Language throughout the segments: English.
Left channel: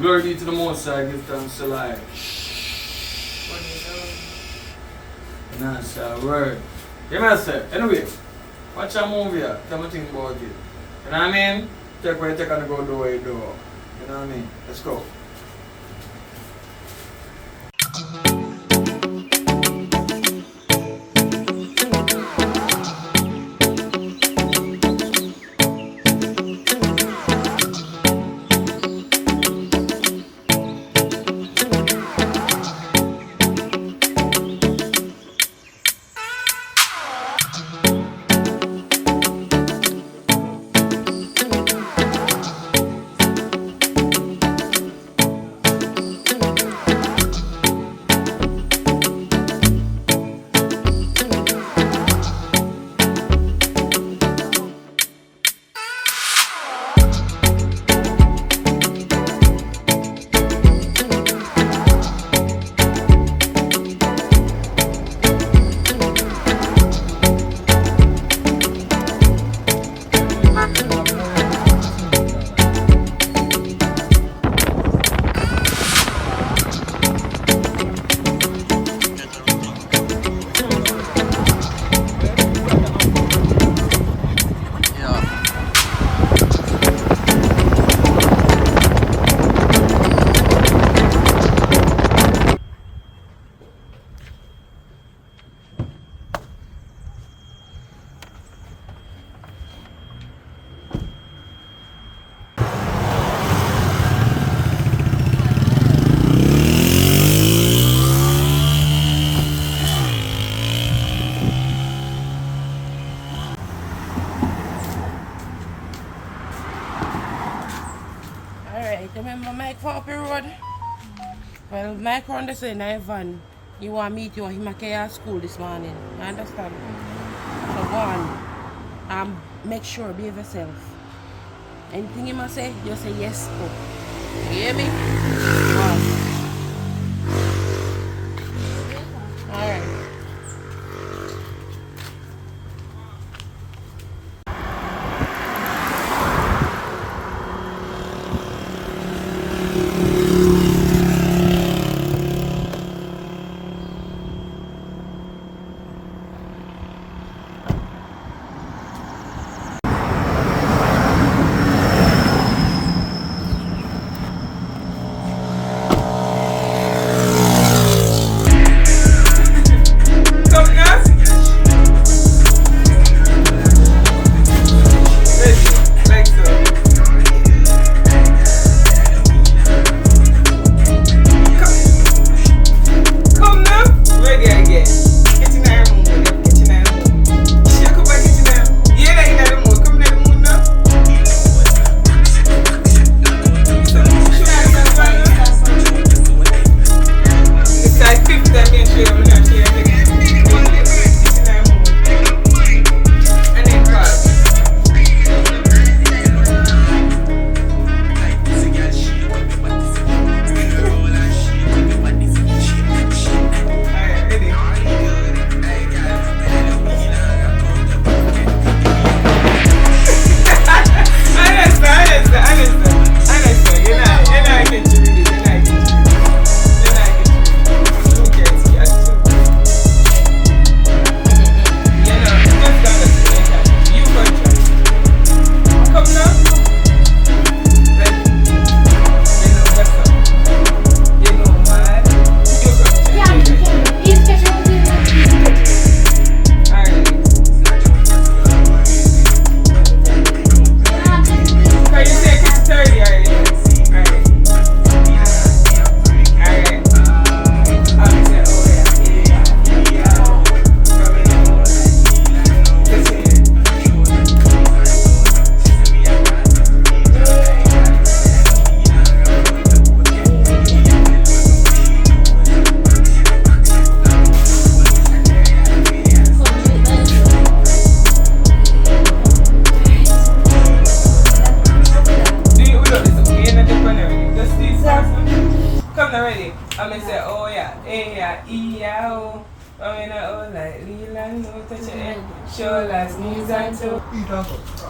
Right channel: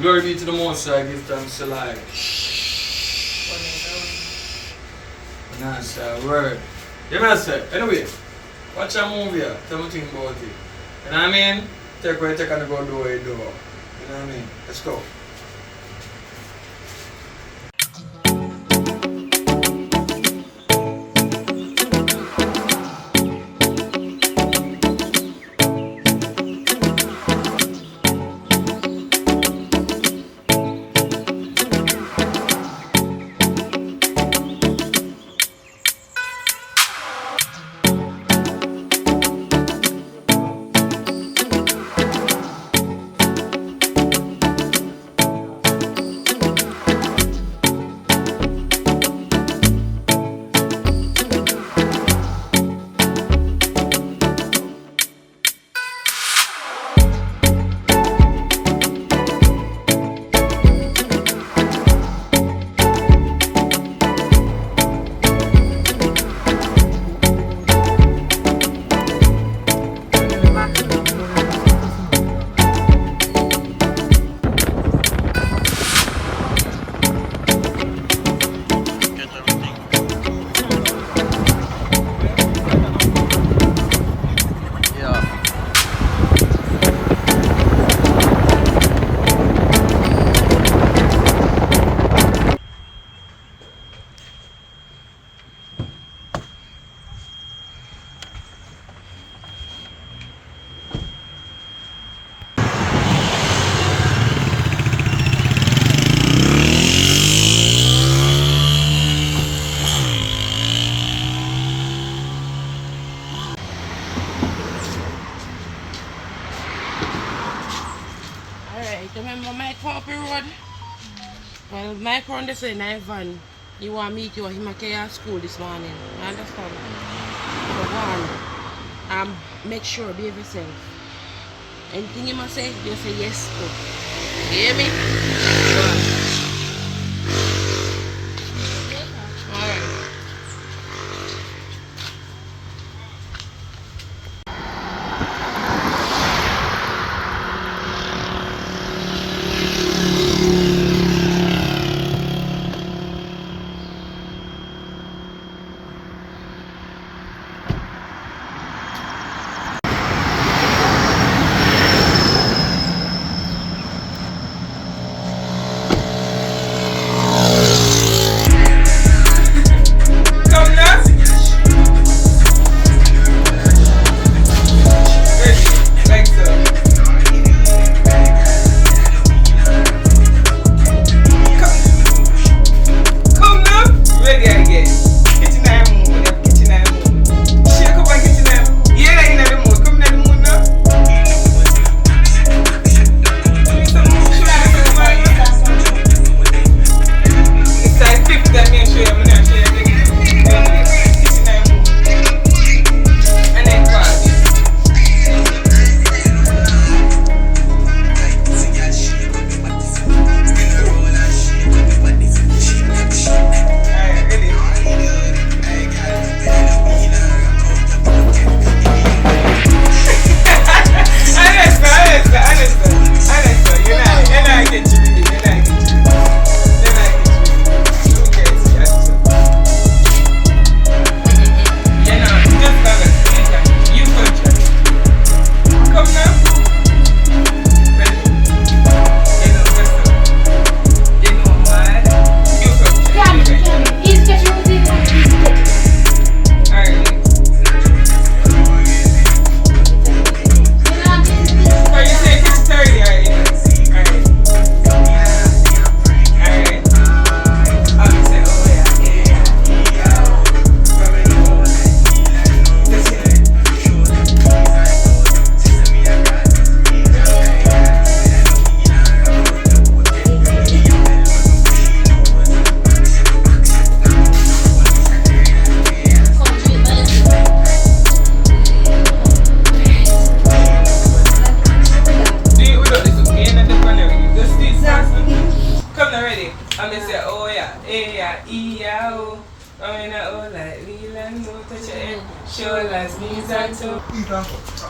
Glory be to the Most High, give thanks to life. Nah, sir, word. Yeah, man, sir. Anyway, watch a movie here. Tell me think about it. You know what I mean? Take what you take and go do what you do. You know what I mean? Let's go. Alright, remember Mike Poppy Road? Well, Mike run this in a van. You want to meet you him at school this morning. You understand? So go on. Make sure behave yourself. Anything you must say, you say yes to. You hear me? Go on. Alright.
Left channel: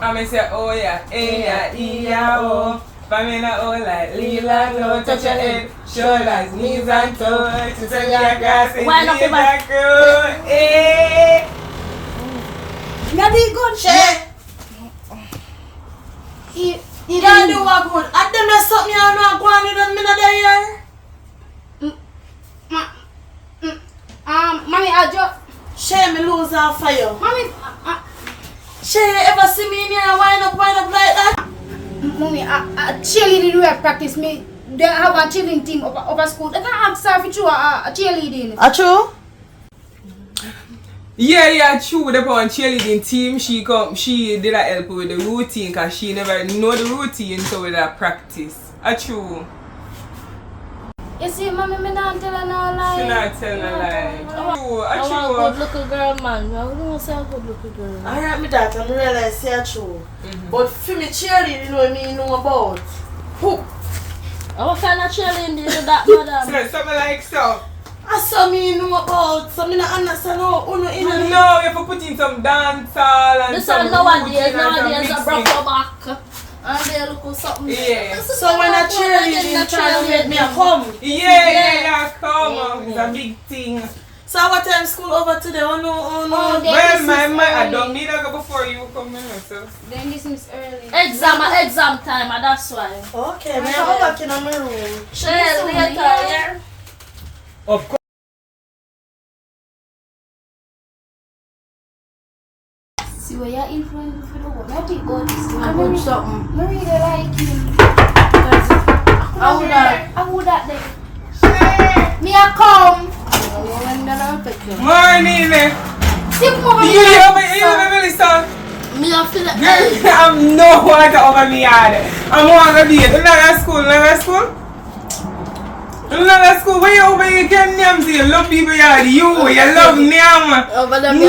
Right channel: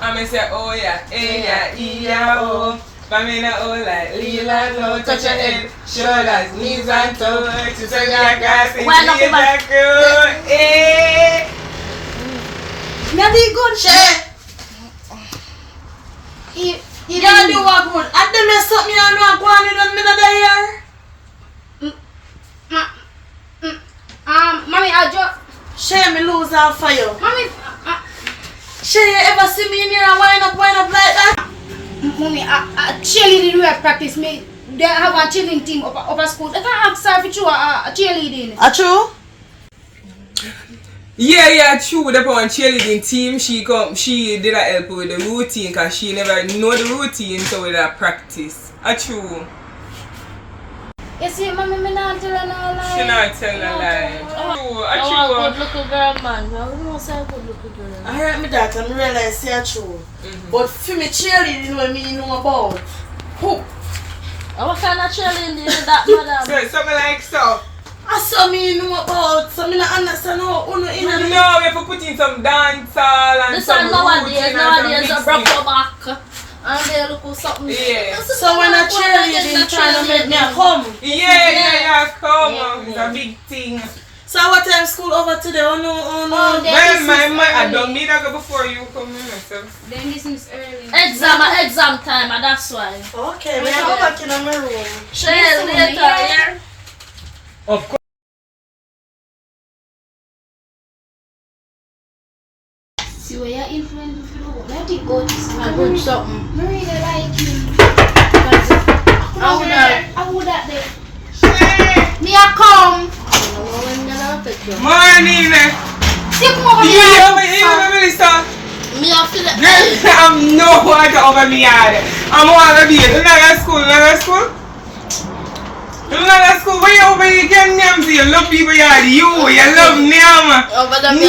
I may say, oh yeah, eh yeah, e yeah, oh. Pamela all like Leela, no touch your head, shoulders, knees and toes. She said your grass is knees and toes. Eh. Nothing good, shit. You can't do what good. I them there's something you know go on in the middle of the year. Mommy, I just share me lose off for you. Mommy, share you ever see me in here and wind up like that? Mommy, I cheerleading we have practice me. They have a cheerleading team over school. They can ask her if you are a cheerleading. Are true? Yeah, true. The one cheerleading team, she did a help with the routine because she never know the routine, so with that practice. True. You see, mommy, me not tell her no lie. She not tell a lie. True, I'm a good looking girl, man. I wouldn't say a good looking girl. Alright, me that I realize it's true. But for me cheerleading, you know me know about. Who? What kind of cheerleading do you do that, madam? So, something like so. I saw me know about, so me not understand how you know in No, we have to put in some dance hall and This some one nowadays routine a broke your back. And they look for something. Yeah. So when I cheerleading trying to make me a come. Yeah, come. It's a big thing. So what time school over today? Oh no. Well, I don't need to go before you come in yourself. Then this is early. Exam time, and that's why. Okay, me go back in my room. Share later, yeah? Of course. See where you're influenced for the work. Let it go. I'm good something. I really like him. I would that day. Me a come. Morning. See come over You here. really start? Me I feel like Girl, I'm no water over me yard. I'm on the beat. You're not at school. You're not at school. When you over here, you can name you love people yard. You love name. over the No,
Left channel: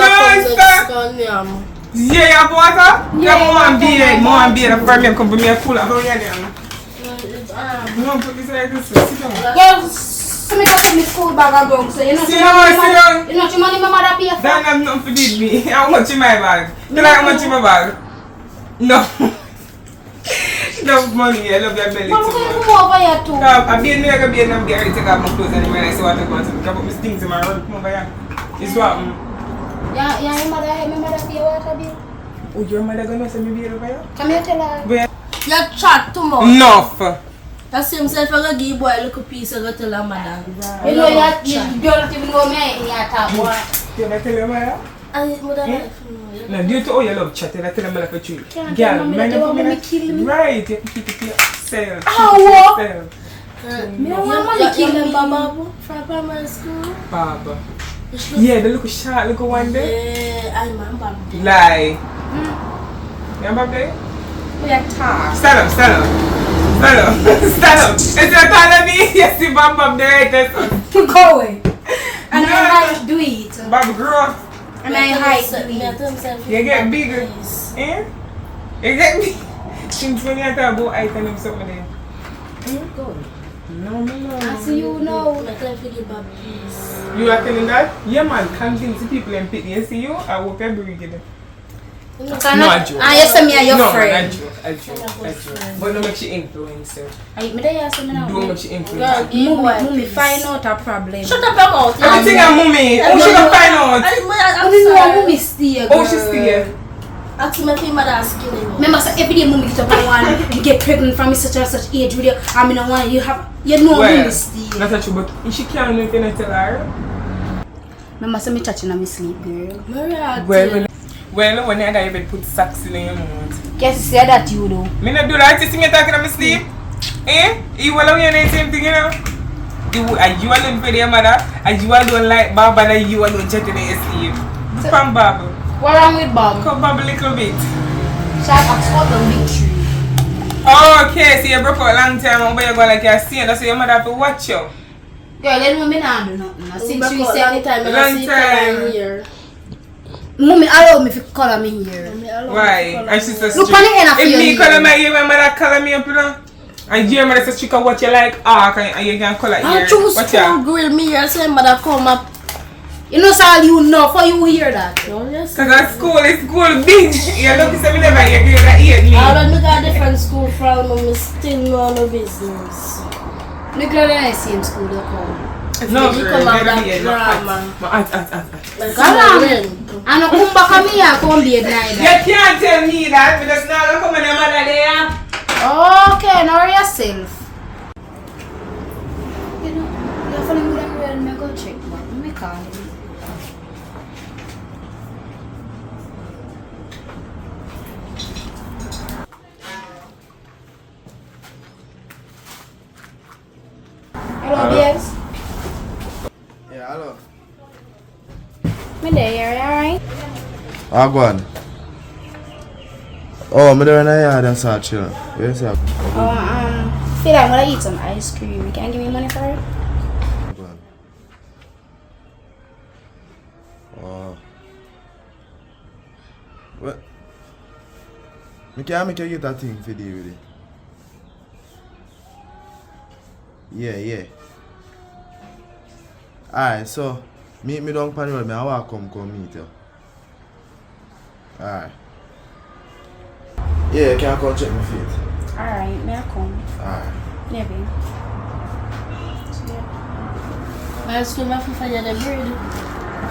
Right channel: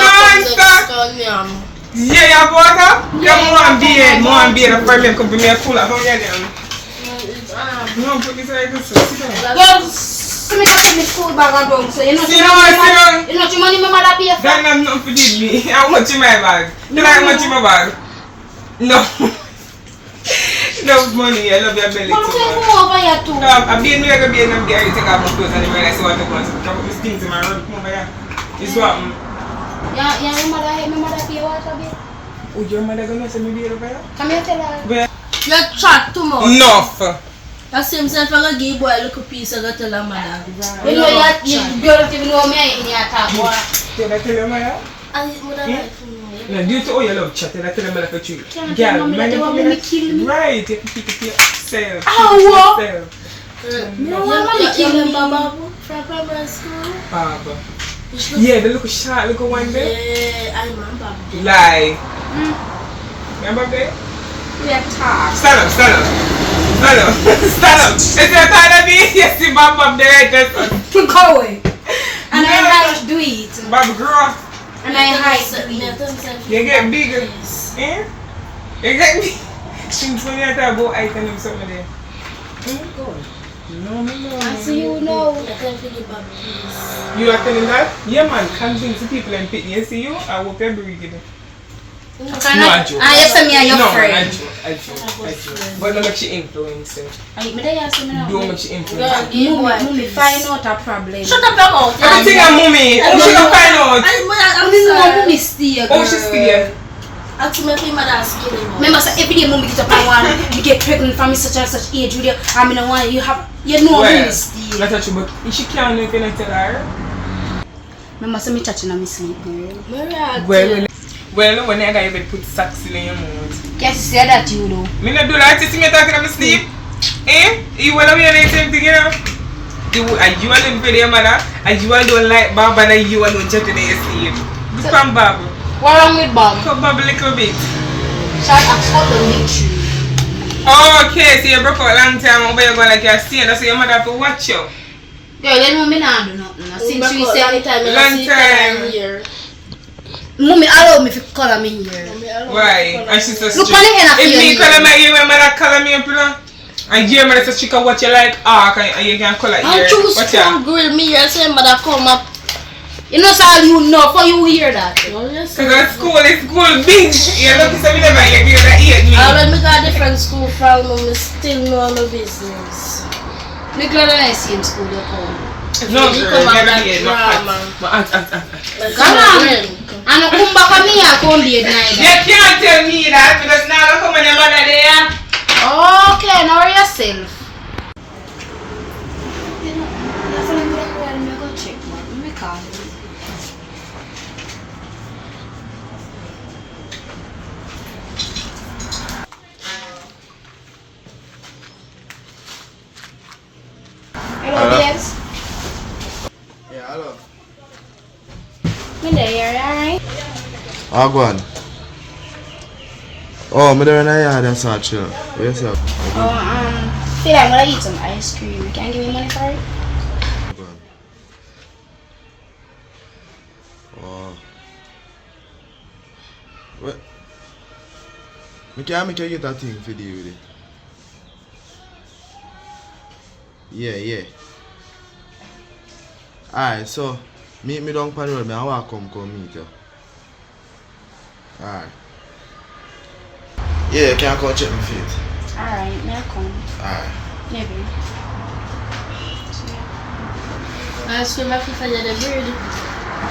yeah, you have water? Yeah, more beer for me. Come to me a cooler. How are you? No, put this like this. Sit down. Well, me not take me school bag and down. So you know. Sit down. You know your money my mother pay for. That have nothing to do with me. How much in my bag? Do you like how much in my bag? No. No money. I love your belly Mama, too we much. come over here too. I beat me like a beat and I'm getting take off my clothes and when I see what I want to come up with things in my room. Come over here. It's what? Yeah, your mother help my mother pay water bill. Oh, your mother gonna send me beer over here? Come here, tell her. Where? you chat too much. Enough. I see himself and I give boy a little piece of tell her mother. You know you don't even know me in your talk, boy. Did I tell you Maya? I would have liked to know. No, due to all your love chat, I tell them like a tree. Can't Girl, tell me man, that you want me to kill me. right, you have to keep it to yourself. Oh, what? Yourself. No, I want to kill me. Baba from primary school. Baba. Yeah, the little short little one there. Yeah, I remember. Lie. Remember there? We are talk. Stand up. Is your tired of me? Yes, you Bob the latest. Go away. And I like to do it. Bob grew up. And I like to do it. You get bigger. Eh? You get big. Since when you have to go item him something there. Go. No. So you know. You are telling that? Yeah man, convince the people and pity. You see you, I will pay breathing. No, I joke. Ah, yes, me and your friend. I joke. But don't make she influence her. Me there you say me now. Don't make she influence her. Mummy find out a problem. Shut up your mouth. I think I'm mommy. How she gonna find out? I know mummy stay. Oh, she's still. Ultimately, mother's killing me. Remember, so every day mummy get up and want you get pregnant from such and such age with you. I mean, I want you know mummy stay. Not a true, but if she can't do it, then I tell her. Remember, so me touching on my sleep, girl. Well, when I got even put socks in your mouth. Guess you say that you do. Me not do that. You see me talking on my sleep? Eh? You will be the same thing, you know? You alone for your mother, and you don't like Bob, and you alone chatting in your sleep. Do from Bob. What wrong with Bob? Come Bob a little bit. Shall I ask the meet you? Oh, okay, so you broke out a long time, over you go like you're staying, that's why your mother have to watch you. Girl, let me not do nothing. Since you say long time here. Mummy allow me to color me here. Why? And she says, look on the end of if me your color my ear, when mother color me up, you know? And your mother says she can watch you like, and you can color I'm ear. choose Watch to grill me here, so your mother come up. You know, so all you know, for you hear that. Oh, yes. Because at school, it's school big. You're lucky to me never get here that hate me. When we got different school from, we still know no business. Me glad I see him school they come. No, We girl, come back never that here. No, drama. Come on. And come back at me, I come be at night. You can't tell me that because now I come and your mother there. Okay, now yourself. You know, you're following me that way and I go check, man. Let me call him. Hello, babes. Yeah, hello. Me there, alright? Ah, go on. Oh, I'm there in the yard and start chill. Yes, yeah. Feel like I'm gonna eat some ice cream. You can't give me money for it? Go on. Oh. What? Me can't make you get that thing for deal with it. Yeah. Alright, so meet me down on the road. I want to come meet you. Alright. Yeah, can I come check my feet? Alright, may I come? Alright. Maybe. I school my FIFA the bird.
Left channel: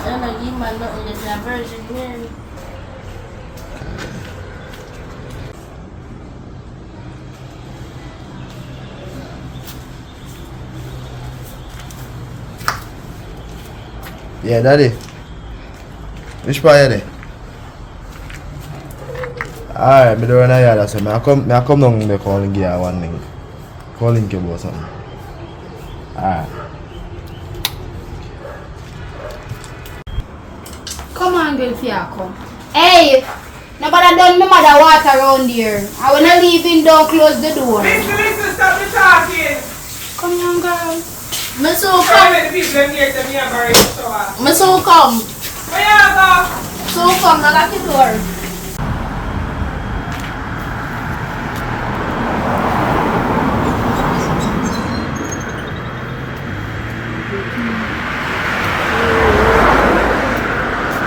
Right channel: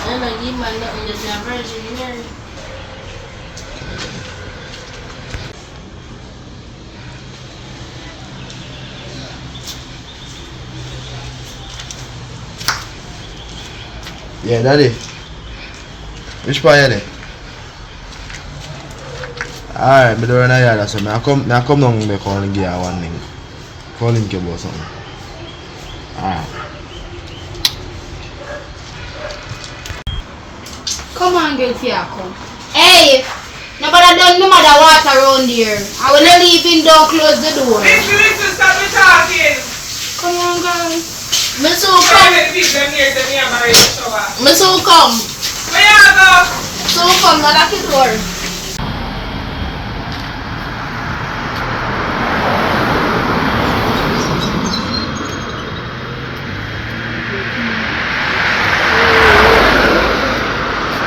I don't give man nothing that they are virgin Mary. Yeah, daddy. Which part you there? Alright, me don't know yard so I come down there calling you one thing. Calling you about something. Alright. Come on, girl, if you come. Hey! Nobody done no matter what around here. I will not leave in, don't close the door. Listen, stop me talking. Come on, girl. Me so I come. let the people here tell me I'm ready to shower. Me so come. Where you go? So come, now lock the door.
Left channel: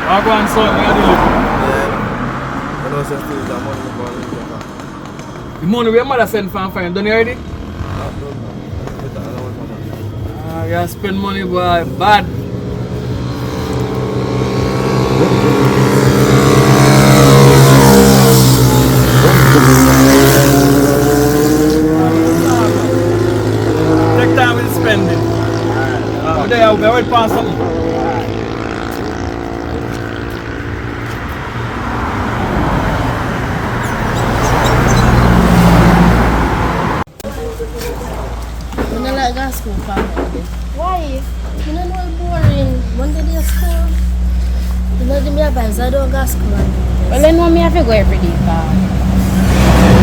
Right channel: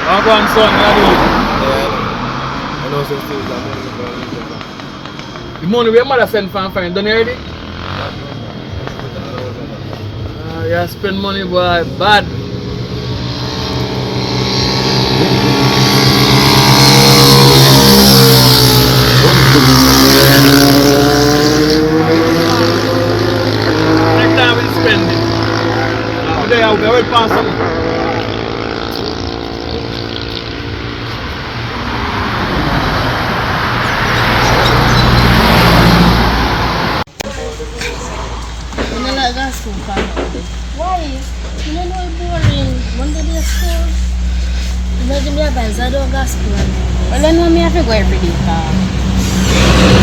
I'll go on, son. I do it. Yeah, I know some things that money we call it. The money where mother send from fine. Done you already? You spend money, boy. Bad. Next time we'll spend it. Today I'll go pass some. I don't like gas school from Why? you don't know it's boring. Monday day school. You know give me advice. I don't gas school. Well, then me have to go every day,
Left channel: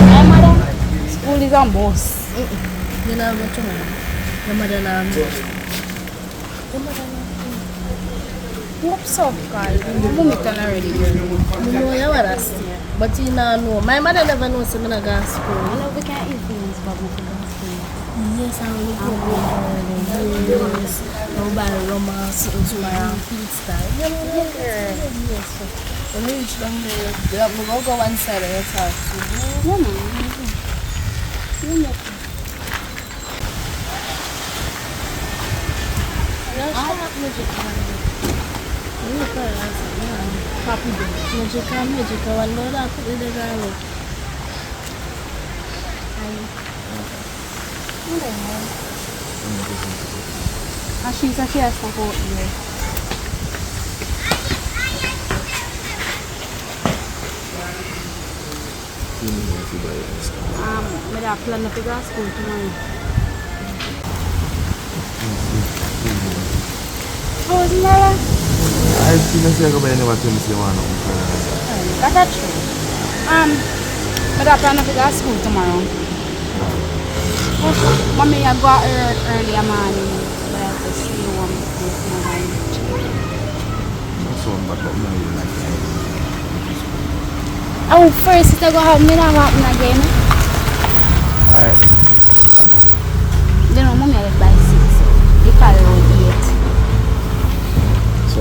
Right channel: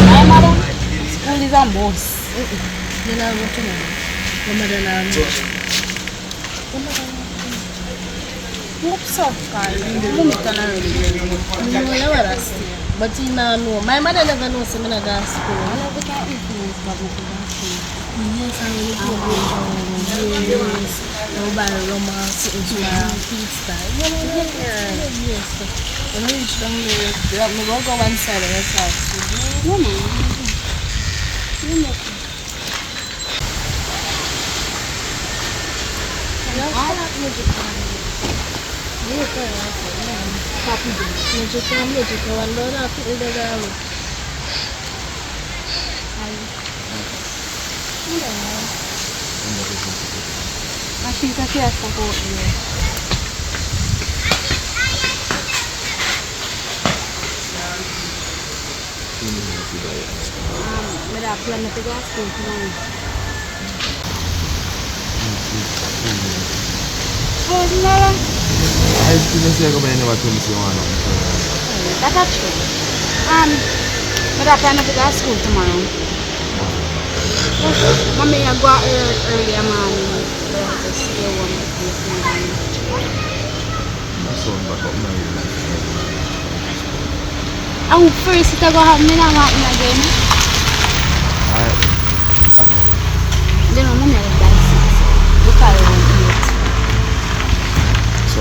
my mother, school is a must. You know what to know. Your mother now. Your mother now. What's up, guys? You make an already. You know you are still. But you now know. My mother never knows I'm in a gas school. We can't influence but we can see. Yes, I really do. Yes. Nobody romance into my pizza. Yes. When I reach down there, I'm going to go one side of your house. No, no. You make it. I think I feel stuff out here. May I plan to go to school tomorrow? Oh, no. I still say I never tell me say one of That's true. May I plan to go to school tomorrow? Mommy, I go out early morning. To see you one with my my son back up now you like Oh, first it's going to have me now again. Alright. Then I'm going to buy 6. So, look around 8. So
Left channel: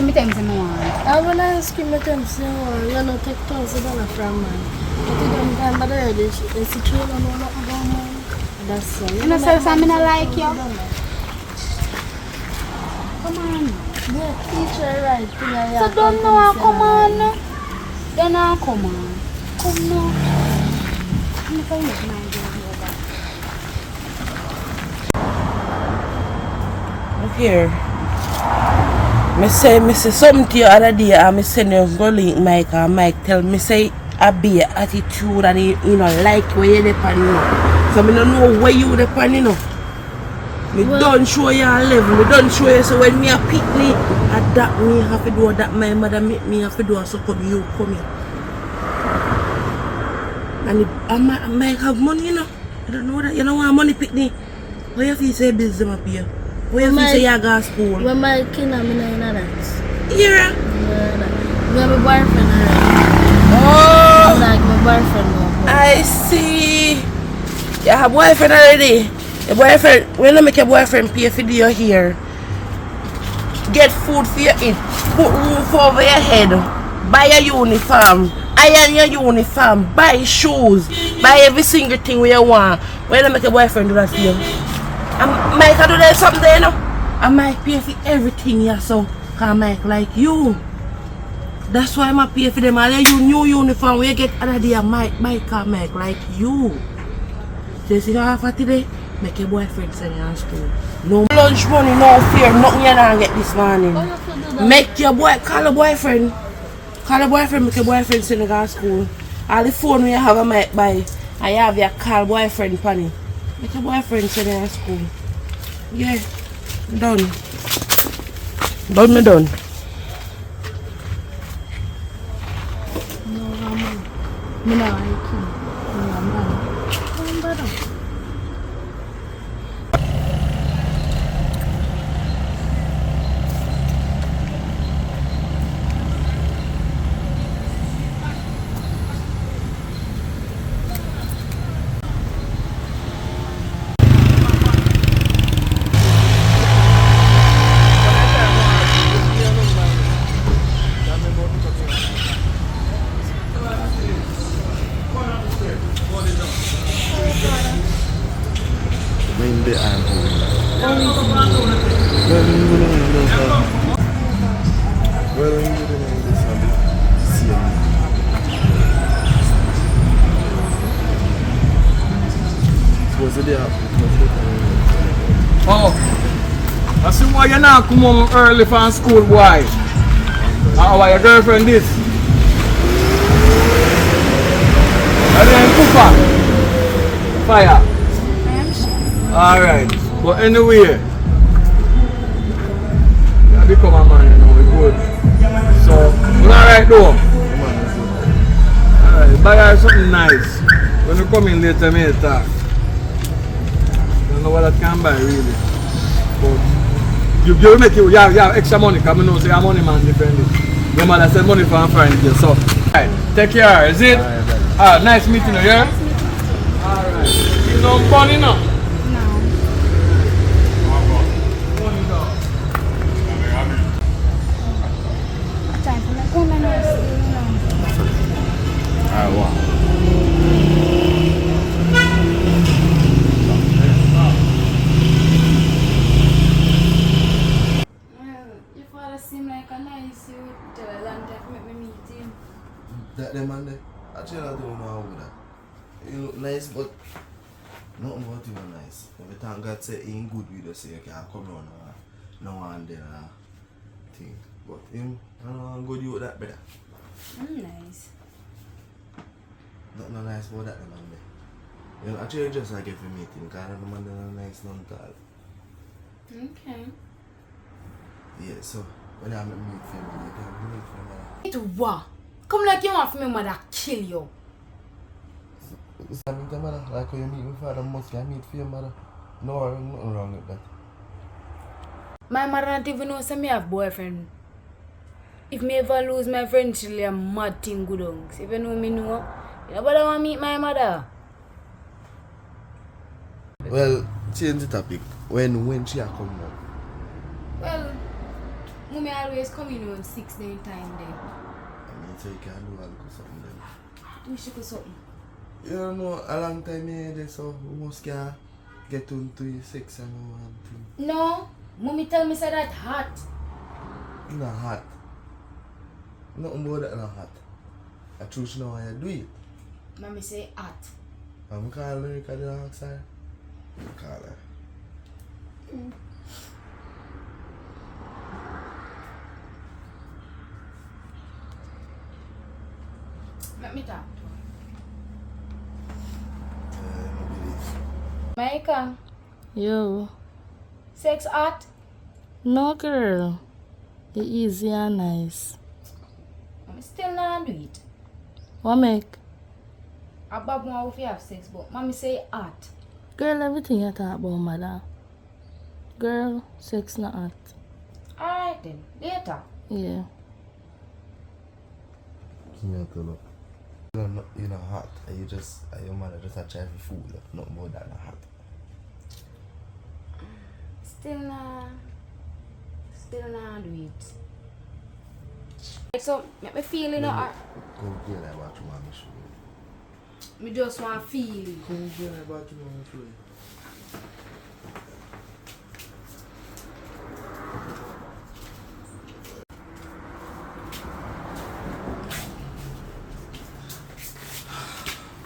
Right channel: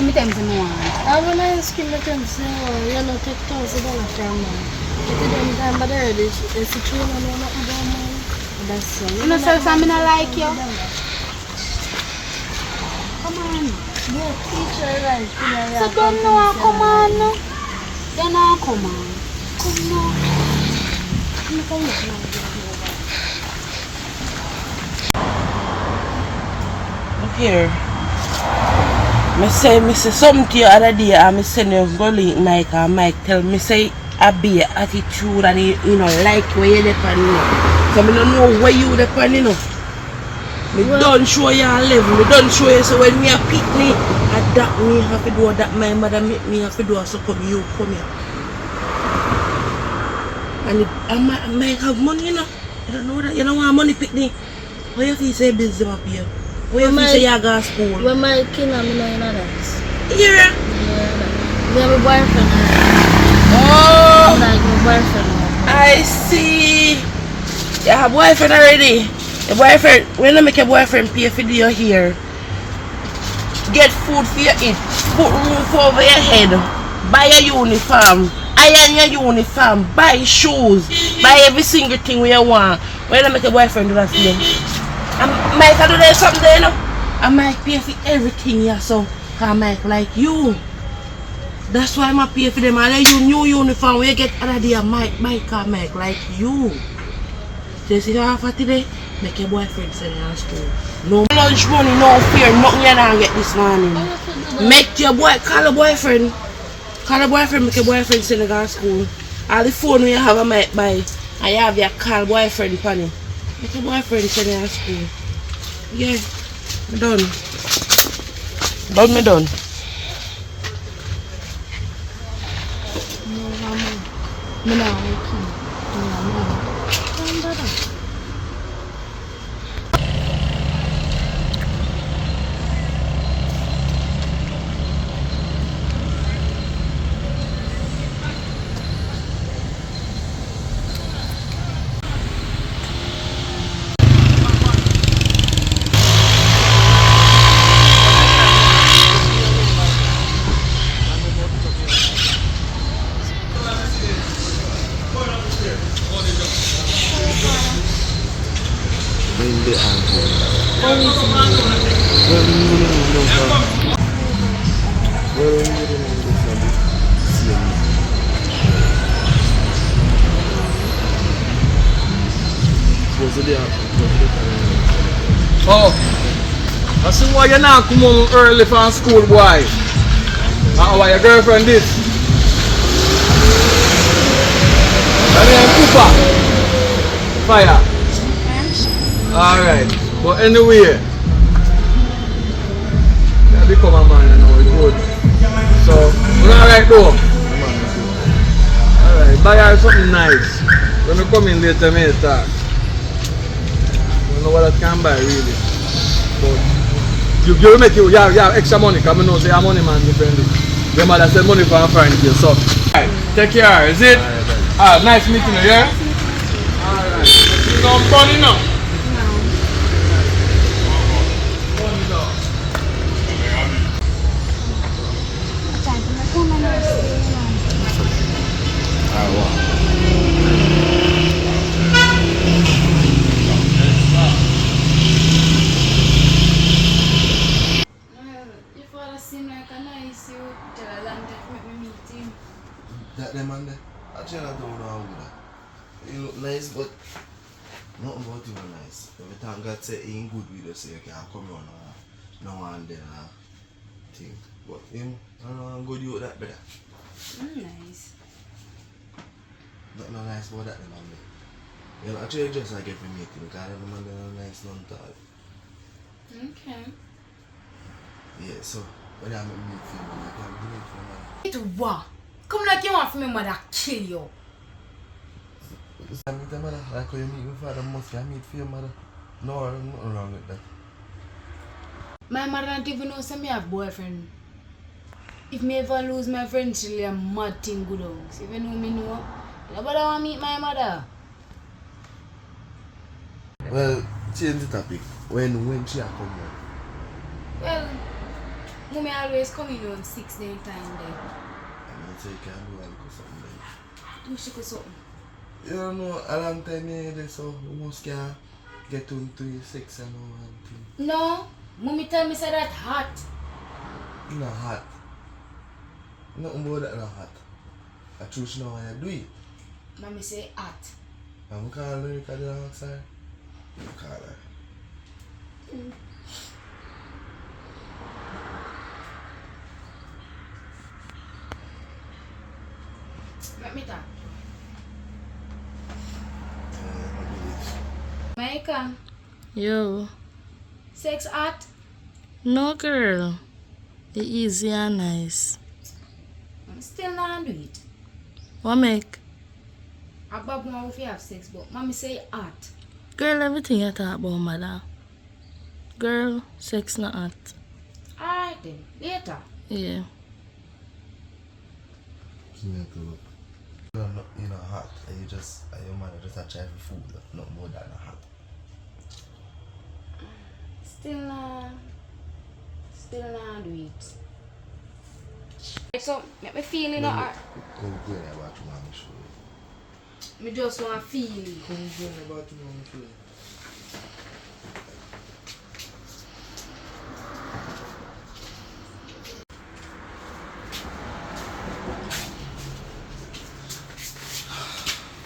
cream with them some more. I have an ice cream with them saying, you know, take $1,000 from man. But the damn time, but already, it's a train and all nothing about man. That's all. You know, so I like you. Come on. Yeah, teacher, right. So don't know, come on. You know, come on. Come on. Look here. Me say something to you other day and me send you go link Mike and Mike tell me say I be your attitude and you know like where you depend you know. So me don't know where you depend you know. Me don't show you a level, me don't show you so when me a pick me that me have to do that my mother make me have to do so come you come here. And I might have money you know. You don't know that you don't want money pick me. Why you feel say bills them up here? Where you say you go to school? When my kid and me know that. Here? Yeah, me have a boyfriend already. Oh! Like my boyfriend. I see. You have a boyfriend already? Your boyfriend, when you make your boyfriend pay for your hair, get food for you eat, put roof over your head, buy a uniform, iron your uniform, buy shoes, buy every single thing you want. When you make your boyfriend do that for you? I might do that someday, you know. I might pay for everything, yeah, so I might like you. That's why I'm pay for them. I let you new uniform when you get another day, I might like you. Just you know, for today, make your boyfriend send you to school. No lunch money, no fear, nothing you don't get this morning. Make your boy, call a boyfriend. Call a boyfriend, make your boyfriend send you to school. All the phone you have, I might buy. I have your call boyfriend, Panny. Make your boyfriend send you to school. Yeah, done. Me done. No, I'm not like you. Hindi ako. Well, hindi na lang sa. Well, hindi na lang sa siya. So dia. Oh, I see why you're not come home early from school, boy. Why your girlfriend did? I don't Cooper. Fire. Alright, but anyway, you become a man, you know, it's good. So, you're alright though? Alright, buy her something nice. When you come in later, me talk. I don't know what I can buy really. But you make you have extra money because I know say a money man depend. Your mother send money for a friend you. So, alright, take care, is it? Alright, nice meeting you, yeah? Alright. You don't burn enough. That them man there. Actually, I don't know how that. You look nice, but nothing about you are nice. Every time God say he ain't good with you, say you can't come on no one there thing. But him, I don't know how good you with that better. Nice. Nothing nice about that man there. Well, actually, just I get for meeting because the man there nice, none tall. Okay. Yeah, so when I meet for him, I can meet for him. It's what? Come like you want for me mother kill you. I meet the mother, like how you meet my father, must I meet for your mother? No, nothing wrong with that. My mother don't even know say me have boyfriend. If me ever lose my friend, she'll be a mad thing good on. If you know me know, nobody want to meet my mother. Well, change the topic. When she a come home? Well, Mommy always come in on 6 day time there. I mean, so you can do a little something then. Do she do something? You don't know, a long time here, so we must can get into your sex and all that thing. No. Mommy tell me say that hot. Not hot. Nothing about that not hot. I choose now how you do it. Mommy say hot. I'm calling her because you ask her. I call her. Let me talk. I Jamaican. Yo. Sex hot? No, girl. The easy and nice. I'm still not do it. What make? Above more if you have sex, but mommy say hot. Girl, everything you talk about, mother. Girl, sex not hot. Alright then. Later. Yeah. Give me a clue. You're not hot. You just, your mother just a try for food. Nothing more than not hot. Still not do it. So, make me feel in the heart. Go in the bathroom and show you. Me just want to feel it. Go in the bathroom and show you.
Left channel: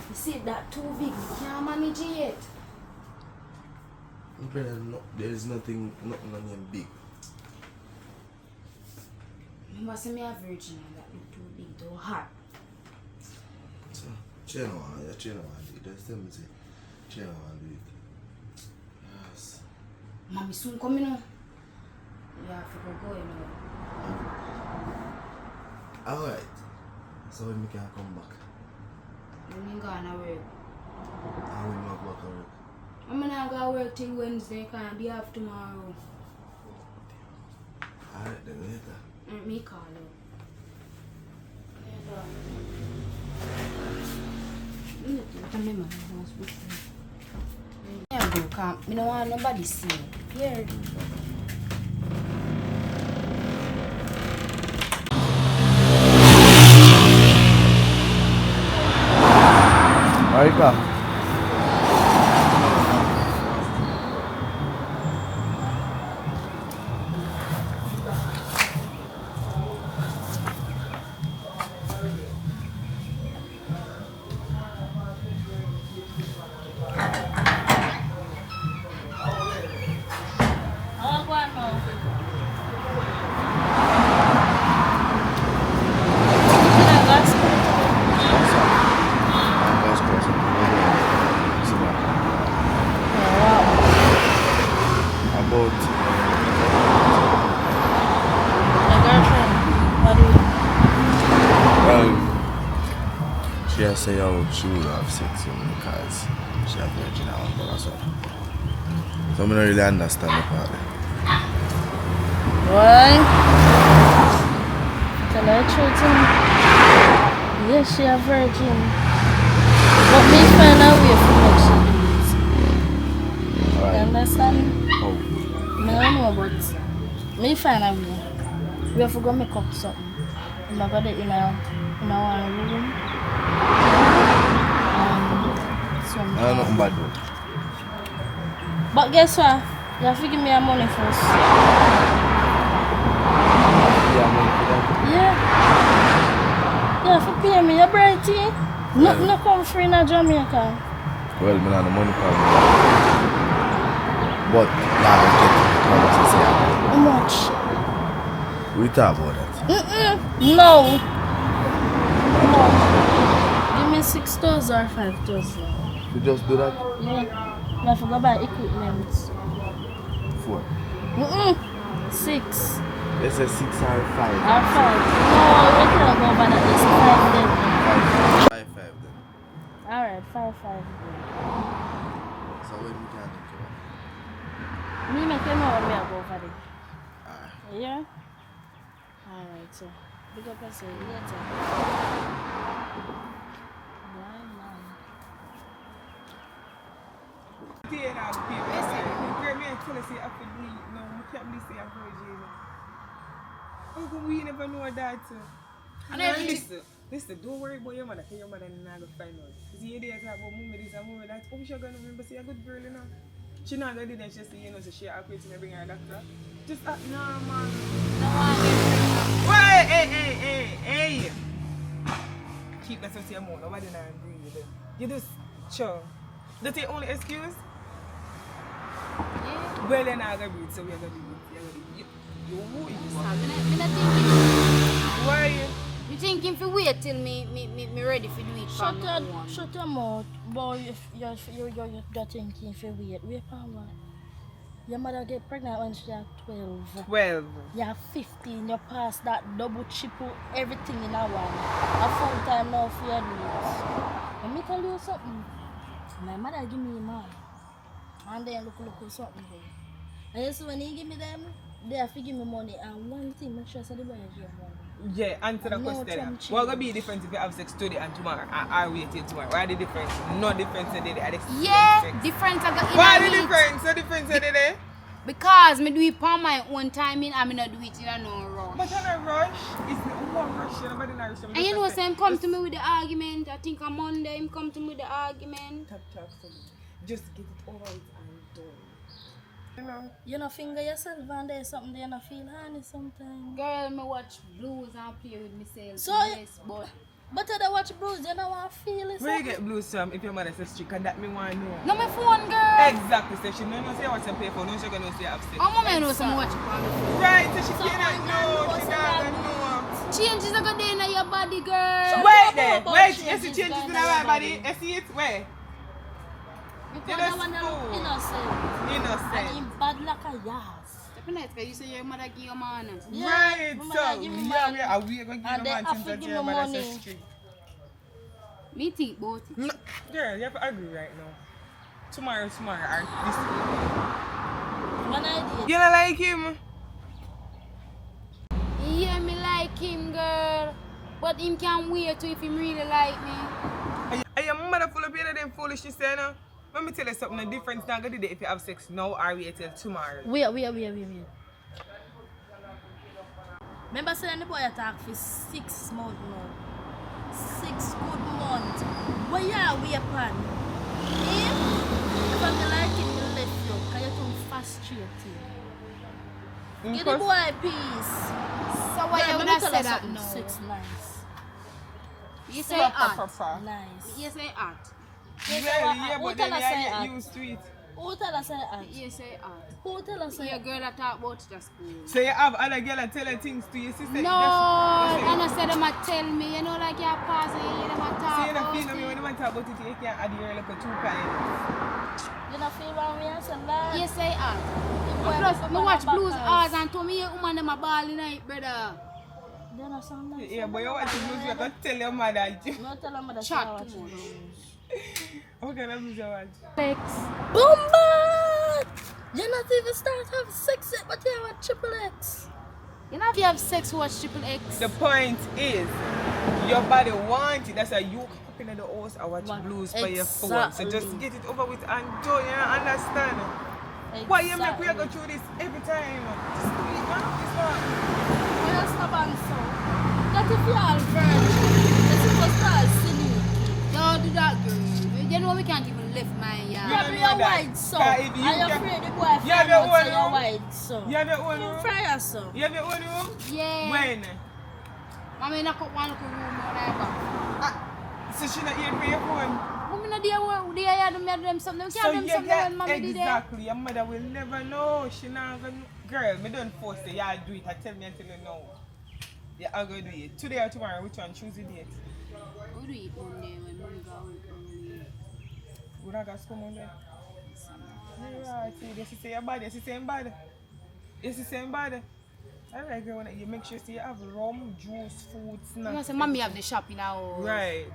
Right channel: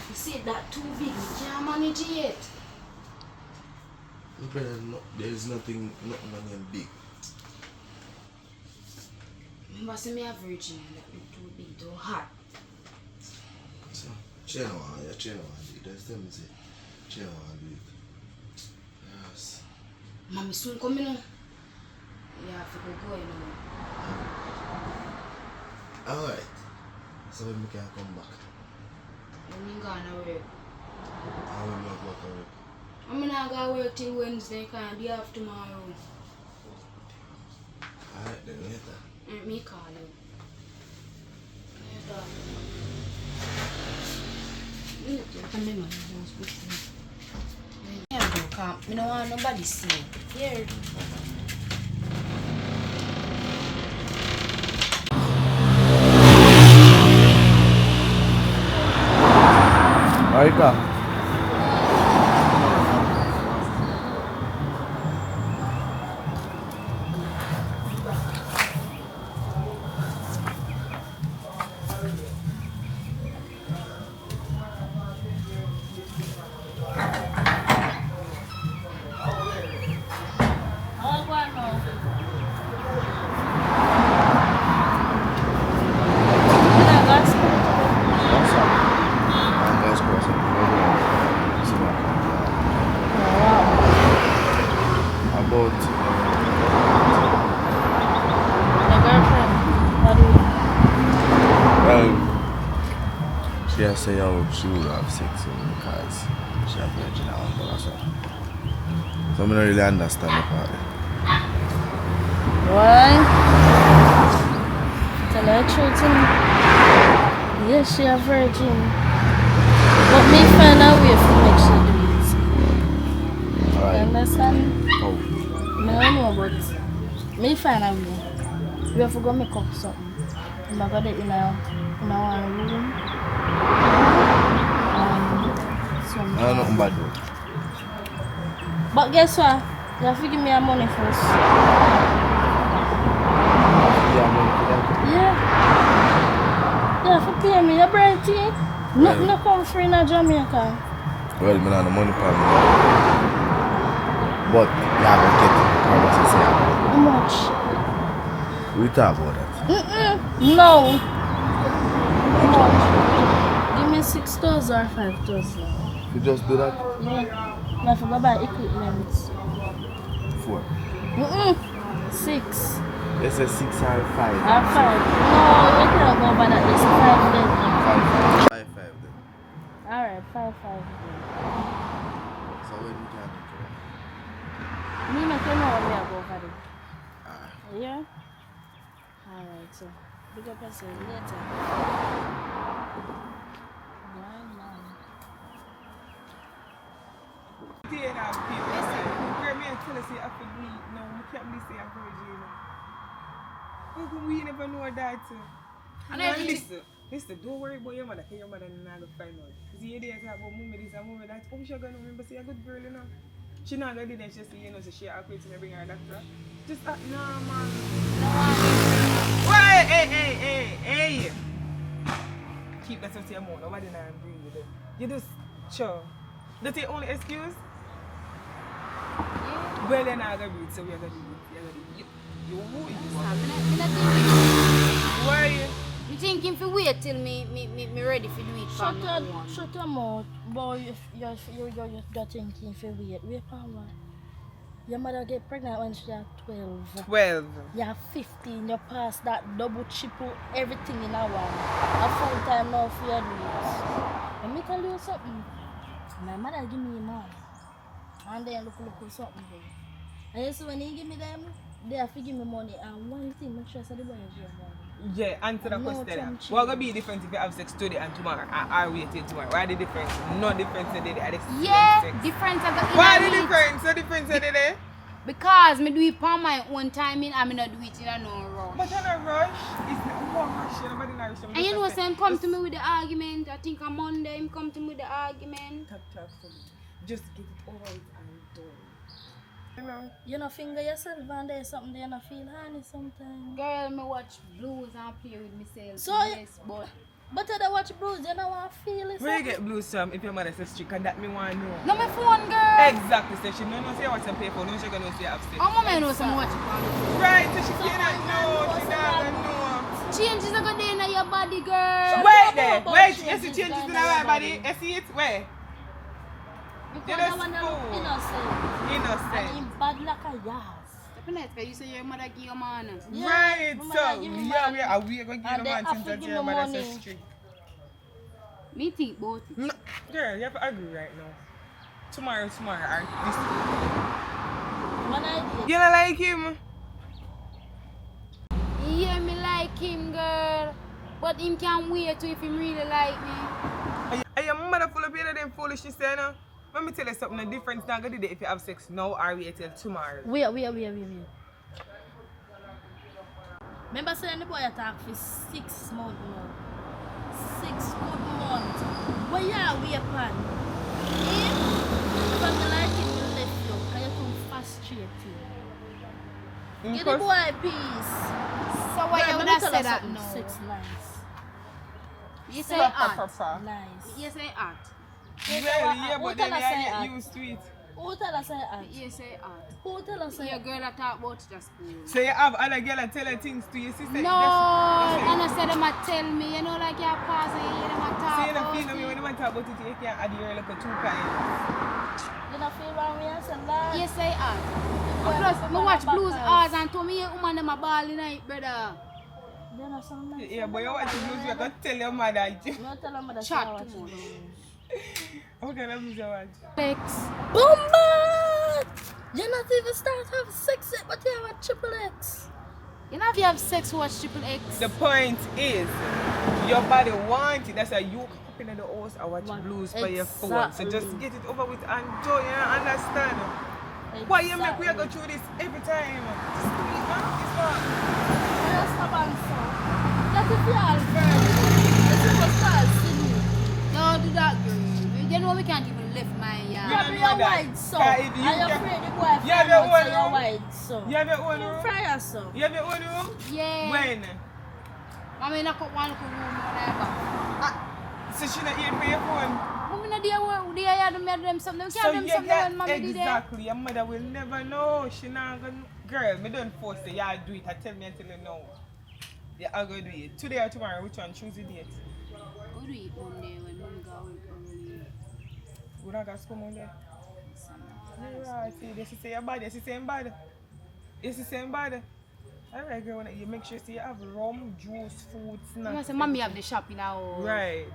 You see that too big, we can't manage it. There's nothing on him big. Remember, see me a virgin that look too big, too hot. So, she don't want do it. Just tell me, say, she don't want do it. Yes. Mommy soon coming now. Yeah, I forgot going now. Alright. So when we can come back? When you gonna work? How will you not work on it? I'm not gonna work till Wednesday, can't be off tomorrow. Alright, then later. Let me call you. Later. Yeah, bro, come. I don't want nobody see me. Here. Marika. About Your girlfriend? What do you? well, she has say how she would have sex with me because she has virgin and all that stuff. So I don't really understand the part there. Why? Tell her the truth. Yes, she a virgin. But me find a way to make sure do it. You Alright. understand? How? No, but me find a way. We have to go make up something. I'm going to go in a room. I don't know nothing bad though. But guess what? You have to give me your money first. Yeah, money for that. Yeah. You have to pay me your brighty. Nothing to come free in Jamaica. Well, I don't have the money for me. But you have to get it. Promise say How much? we talk about that. No. Give me 6,000 or 5,000. You just do that? Yeah. You have to go buy equipment. 4. 6. They say 6 or 5. Or 5. No, you cannot go buy that. It's 5 then. 5 then. Alright, 5. So when we can come Me make you know when I go over there. on? Yeah? Alright, so big up yourself later. Bye, man. Tear out people. Girl, me and tell her say I could do it. No, I can't believe say I'm virgin. How come we never know that? And No, everything. listen, don't worry about your mother, because your mother not going to find out. See, you there talk about mommy this and mommy that. Oh, she's going to remember, say, a good girl, you know. She not going to do that, she say, you know, so she act to me, bring her doctor. Just act normal. No one everything. Wait, hey. Keep that to your mouth, nobody not breathe. You just, sure. That's your only excuse? Yeah. Well, you're not going to breathe, so we're going to do it. You who you are? I'm not thinking. Why are you? You thinking for wait till me ready for do it for me own. Shut your mouth, boy. You're thinking for wait. Wait for what? Your mother get pregnant when she was 12. 12. You're 15. You pass that double, triple, everything in a one. A full time now for your needs. Let me tell you something. My mother give me money. And then look something there. And you see when he give me them, they have to give me money. And one thing, make sure I say the boy is your money. Yeah, answer the No question. time What gonna be the difference if you have sex today and tomorrow? I wait till tomorrow. Why the difference? No difference in the day. Yeah, Sex. difference I got. Why the difference? The difference in the day? Because me do it for my own timing and me not do it in a no rush. But in a rush, it's not one rush. Nobody in a rush. And you know, say him come to me with the argument. I think on Monday him come to me with the argument. Talk to me. Just get it over with and done. You know? You know, finger yourself and there's something there you feel honey sometimes. Girl, me watch blues and play with myself. So, yes, but I watch blues, you know what I feel is Where you get blues from if your mother says strict and that me want to know? no, my phone, girl. Exactly. So she don't know say what's on paper. No, she gonna say have sex. Oh, mama, know some watch it on the phone. Right, so she So cannot I know. know, She so not I gonna know. Changes are good in your body, girl. Wait there. about Wait, changes you see changes down in your our body. body. You see it? Where? because that's I want to look cool. innocent. And Innocent. him bad like a yas. Definitely, you say your mother give your man. Yeah, Right, my so mother give me yeah, money. we are gonna give And you they man have since to that give your me mother money. says strict. Me think both. No, girl, you have to agree right now. Tomorrow, or this week. One idea. You don't like him? Yeah, me like him, girl. But him can't wait to if him really like me. Are your mother full of them foolishness, you know? Let me tell you something, the difference not gonna do if you have sex now or wait till tomorrow. Wait. Remember saying the boy attack for 6 months now. 6 good months. What yeah, we upon? Him? If I like him, you left you. Because you're too frustrated. Give the boy peace. So why you would have said that no? 6 nice. You say art. Nice. You say art. Yeah, Who but tell then us I say get art? used to it. Who tell us that? You say art. Who tell us Your that? girl that talk about it at school. So you have other girl that tell her things to your sister? No, and I said them a tell me, you know, like you're passing, you hear them a So talk you don't about feel me when it. you talk about it, you can't add your like a 2 kinds. You don't feel wrong when you say that? You say art. Well, And plus, but me my watch back blues eyes. hours and told me, woman, them a ball in night, brother. You know something? Yeah, but you watch the blues, you have to tell your mother. No tell them that Chat I watch too much. How can I blues you watch? Bombard! You're not even start have sex yet, but you have a triple X. You know if you have sex, watch Triple X. The point is, your body wants it. That's why you up in the house and watch blues for your phone. So just Exactly. get it over with and do it. You don't understand? Why you make we go through this every time? Just do it, man. This one. For your stubborn son. That if you are virgin, that you must start sinning. Don't do that, girl. You know we can't even lift my yard. Yeah, don't but know you're that. white, so. Cause if you Are you can- afraid the boy You find have your out own so you're room? white, so? You have your own You room? fry yourself. You have your own room? Yeah. When? Mommy knock up one little room on her back. So she not here for your phone? Mommy no there where they are them something. We So can't do you something get when mommy did there. exactly. Your mother will never know. She not gonna. Girl, me don't force you. Yeah, do it. I tell me until you know. Yeah, I'll go do it. Today or tomorrow, which one? Choose the date. We do it Monday when mommy go work early. We not got school Monday. Right, see, this is your body. This is same body. This is same body. Alright, girl, when you make sure you have rum, juice, food, You snacks. know, say mommy have the shop in our house. Right.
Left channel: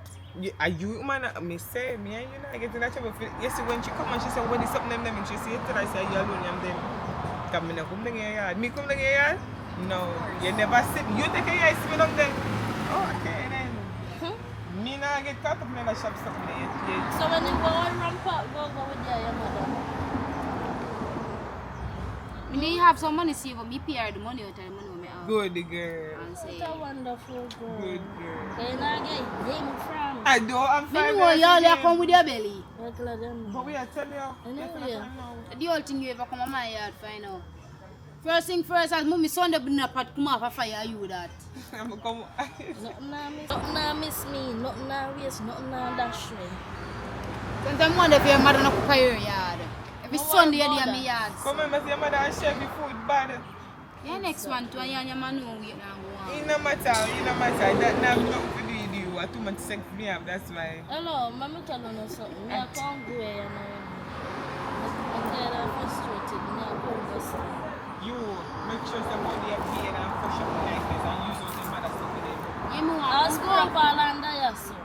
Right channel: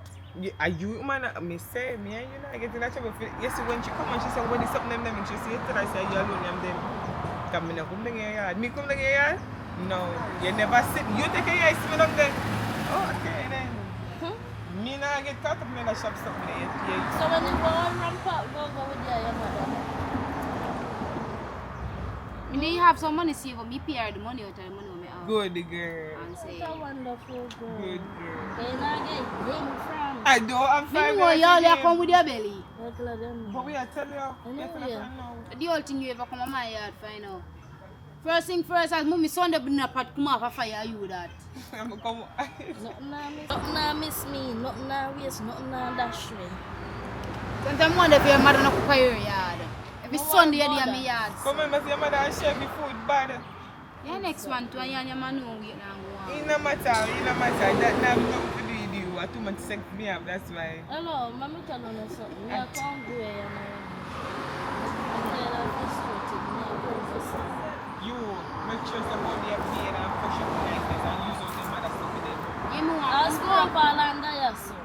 Are you man? Me say me and you not getting that trouble. Yes, when she come and she say what is something them, she say it. I say you alone and them. Come in, come down here. Me come down here. No, you never sit. You take a yard, sit down there. Okay then. Me not get caught up in the shop stuff with the 8. So when you go on ramp up, go with your mother. You know you have some money saved, but me pay her the money out of the money when me have. Good girl. And say, What a wonderful girl. Good girl. Can I get game from? I don't have me 5 know minutes y'all again. come with your belly. Regular them. But we are telling you. I know, Yes, yeah. I know. The whole thing you ever come on my yard find out. First thing first, as mommy Sunday bring a pot come off a fire, you that. I'm come. Nothing I miss me. Nothing I waste. Nothing I dash me. Sometimes wonder if your mother no cook for your yard. Every No, Sunday you I'm dey at not. my yard. Come on, my mother and chef the food bad. Yeah, next one to and your man know wait now go It on. no matter. That now nothing to do with you. I too much sex me have, that's why. Hello, mommy tell you something. Me I can't go here, man. I'm tired of frustrated. Me I go invest. You make sure somebody have paid and push up the niceness and use all the mother stuff for them. Yeah, me I'll want to screw go up up. all under your son.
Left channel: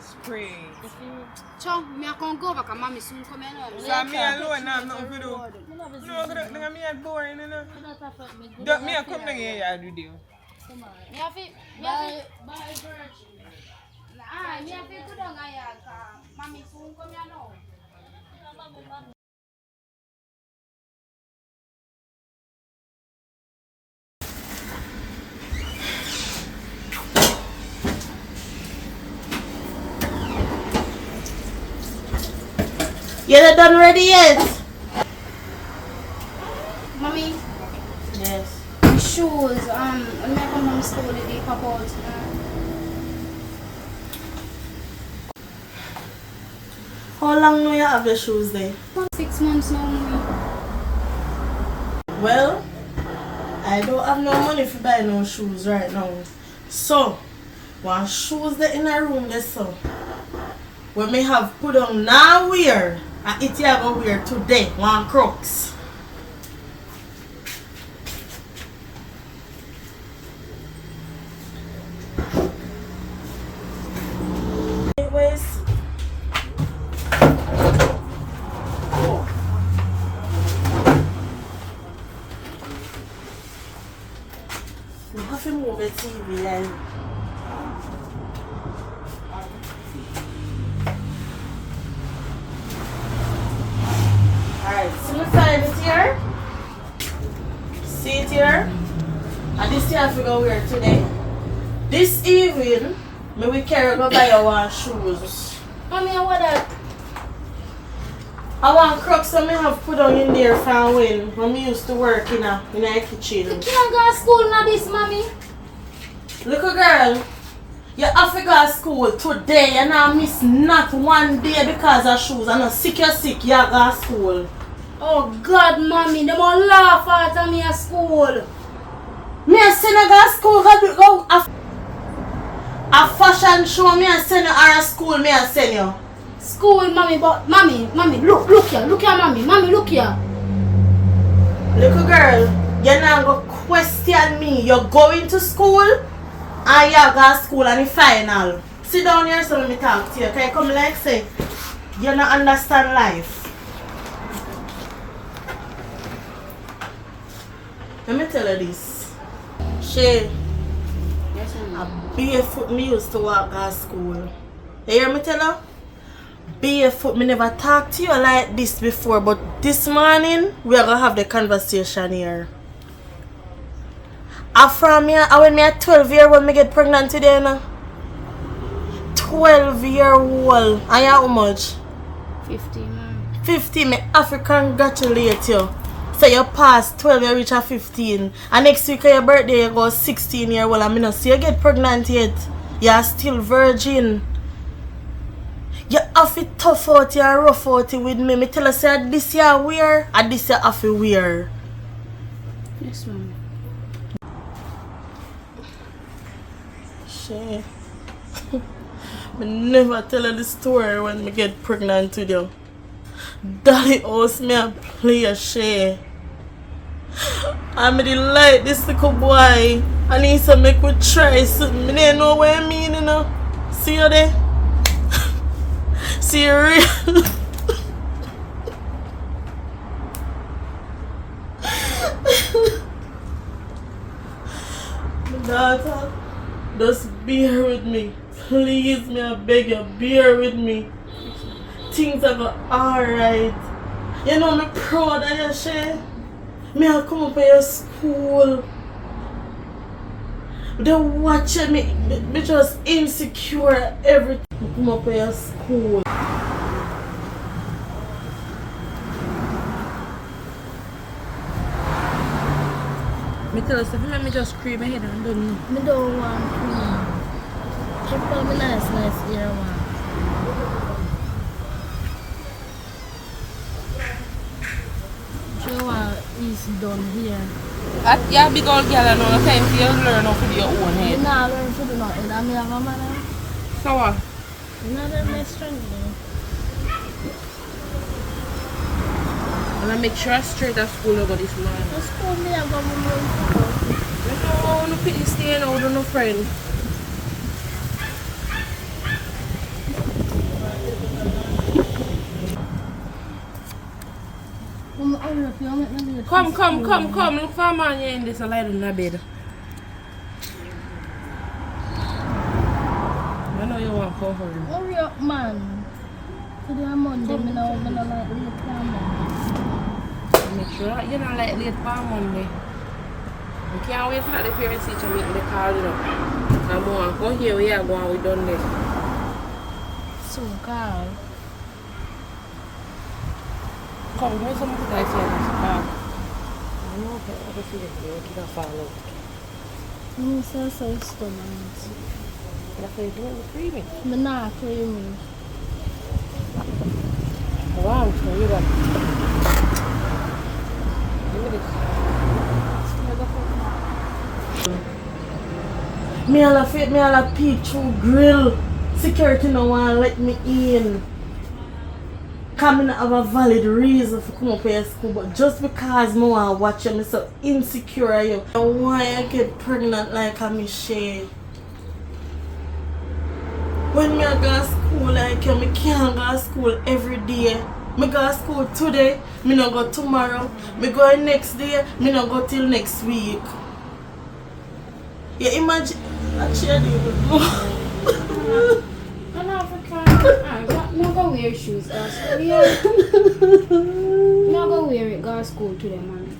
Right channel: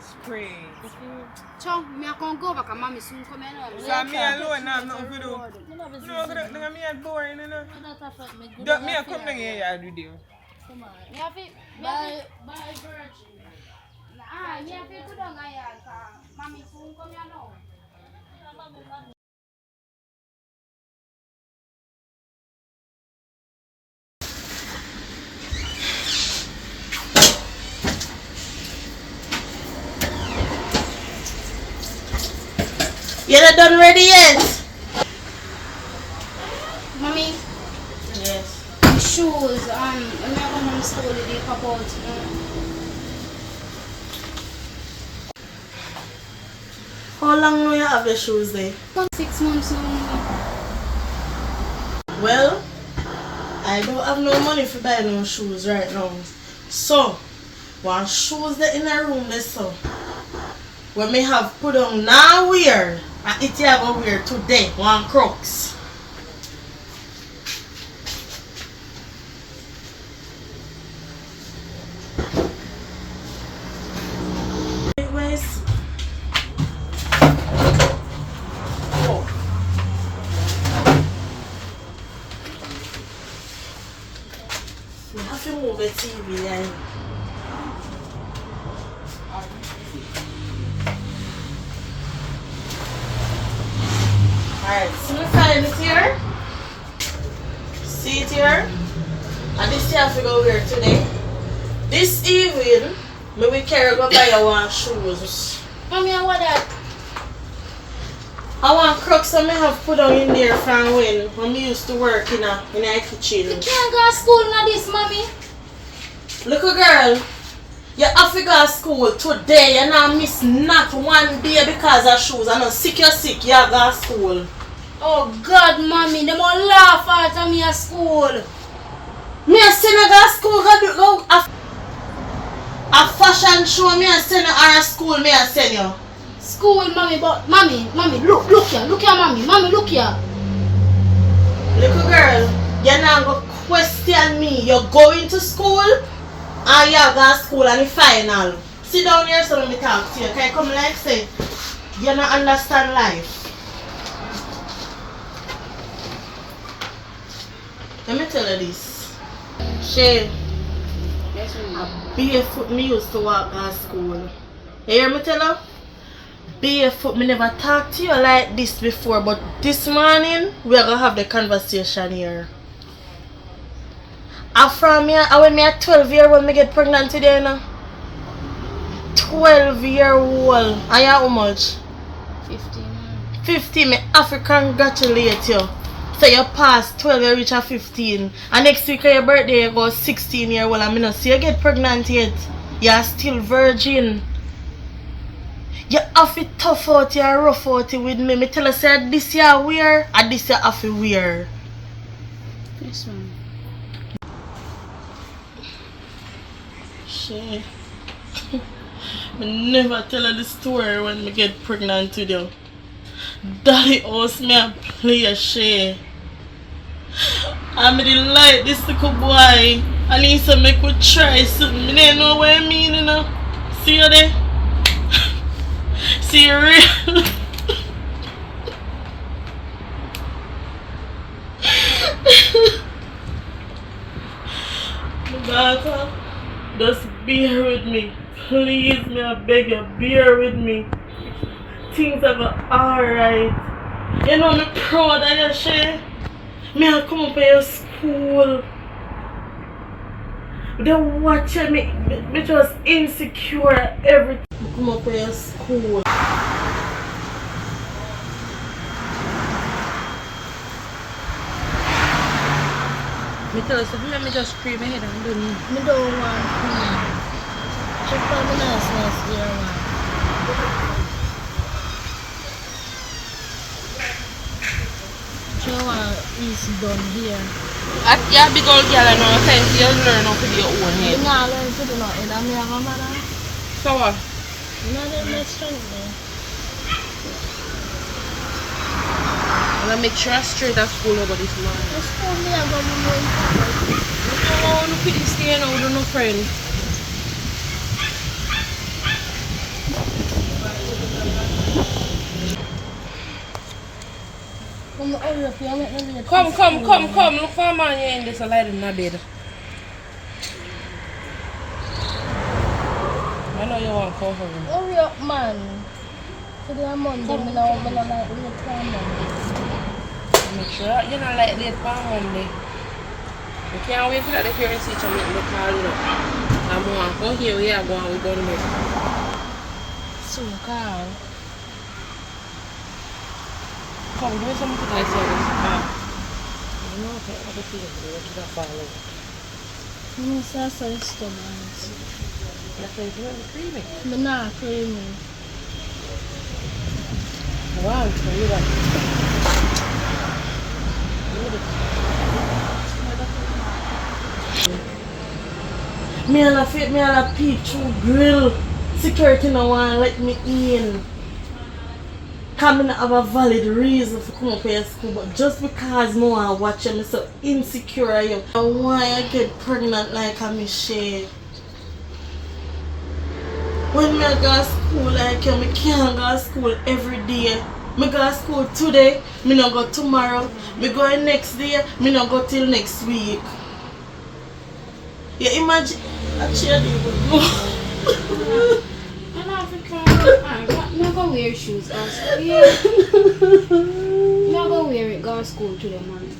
Spray. If you... Chow, me I can go back and mommy soon come in. So me alone now have nothing to do. You know, No, me at boring, you know. you don't affect me. Don't me come down here yard with you. Come on. Me have to, Bye, Virgin. ah, me have to go down a yard. Mommy soon come here now. You're not done ready yet? Mommy, Yes. the shoes, when I come from school, they pop out. How long do you have the shoes there? 6 months now. Well, I don't have no money for buy no shoes right now. So, one shoes there in a room there so. When me have put on now wear, and it you gonna wear today, one Crocs. Anyways. Oh. We have to move the TV line. Alright, so we find it here. See it here? And this here I go wear today. This evening, me we carry go buy one shoes. Mommy, I want that. I want Crocs that me have put on in there from when me used to work in a kitchen. You can't go to school now this, mommy. Little girl, you have to go to school today and I miss not one day because of shoes. I know sick you're sick, you have to go to school. Oh God, mommy, them all laugh at me at school. Me a send you go to school, go a fashion show me a send you or a school me a send you. School, mommy, but mommy, look here, mommy, look here. Little girl, you're not going to question me. You're going to school and you go to school and the final. Sit down here so let me talk to you. Can you come like say, you don't understand life. Let me tell you this. Shay, Yes, mommy. a barefoot me used to walk to school. You hear me tell you? Barefoot, me never talked to you like this before, but this morning we're gonna have the conversation here. From here, when me at 12 year old, me get pregnant today now. 12-year-old. And you how much? 15. 15. Me have to congratulate you. So you pass 12, you reach a 15. And next week on your birthday, you go 16-year-old. And me not see you get pregnant yet. You're still virgin. You have to tough out you and rough out it with me. Me tell you say this you wear and this you have to wear. Yes, mom. Shay. Me never tell her the story when me get pregnant with you. Daddy owes me a play Shay. I didn't like this little boy. And he said make we try something. Me didn't know what I mean, you know. See you there? See you real? My daughter, just bear with me. Please, me I beg you, bear with me. Things are alright. You know me proud of you, Shay. Me I come up to your school. They watch me just insecure every time I come up here school. Me tell us, let me just scream my head and do me. I don't want cream. Just call me nice here, man. You want easy done here. Yeah, big old girl, I know. I think you learn how to do your own You head. not learn to do nothing. I'm your mother. So what? You not learn my strength there. And I make sure I straight at school over this morning. Just told me I'm going to move. No, no quickly stay now, do no friend. Come. Look for a man here in this a light in the bed. I know you want to come for him. Hurry up, man. Today I'm Monday. I'm not like late time. Make sure you're not like late for Monday. We can't wait for that the parents teacher meeting the call, you know. I'm going to come here, we are going, we done this. So, Carl. Come, give me some to guys here. You know, I can see it, it's going to fall out. I'm so stomach. That's why it's really creamy. I'm not creamy. Wow, so you got Me all a peep through grill. Security no want to let me in. Cause me not have a valid reason to come up here to school, but just because I want to watch them, I'm so insecure of you. I want to get pregnant like a Michelle. When I go to school like you, I can't go to school every day. I go to school today, I don't go tomorrow. I go next day, I don't go till next week. Yeah, imagine a cheerleader would go. I'm not gonna wear shoes, go to school. Yeah. I'm not gonna wear it, go to school today, mommy.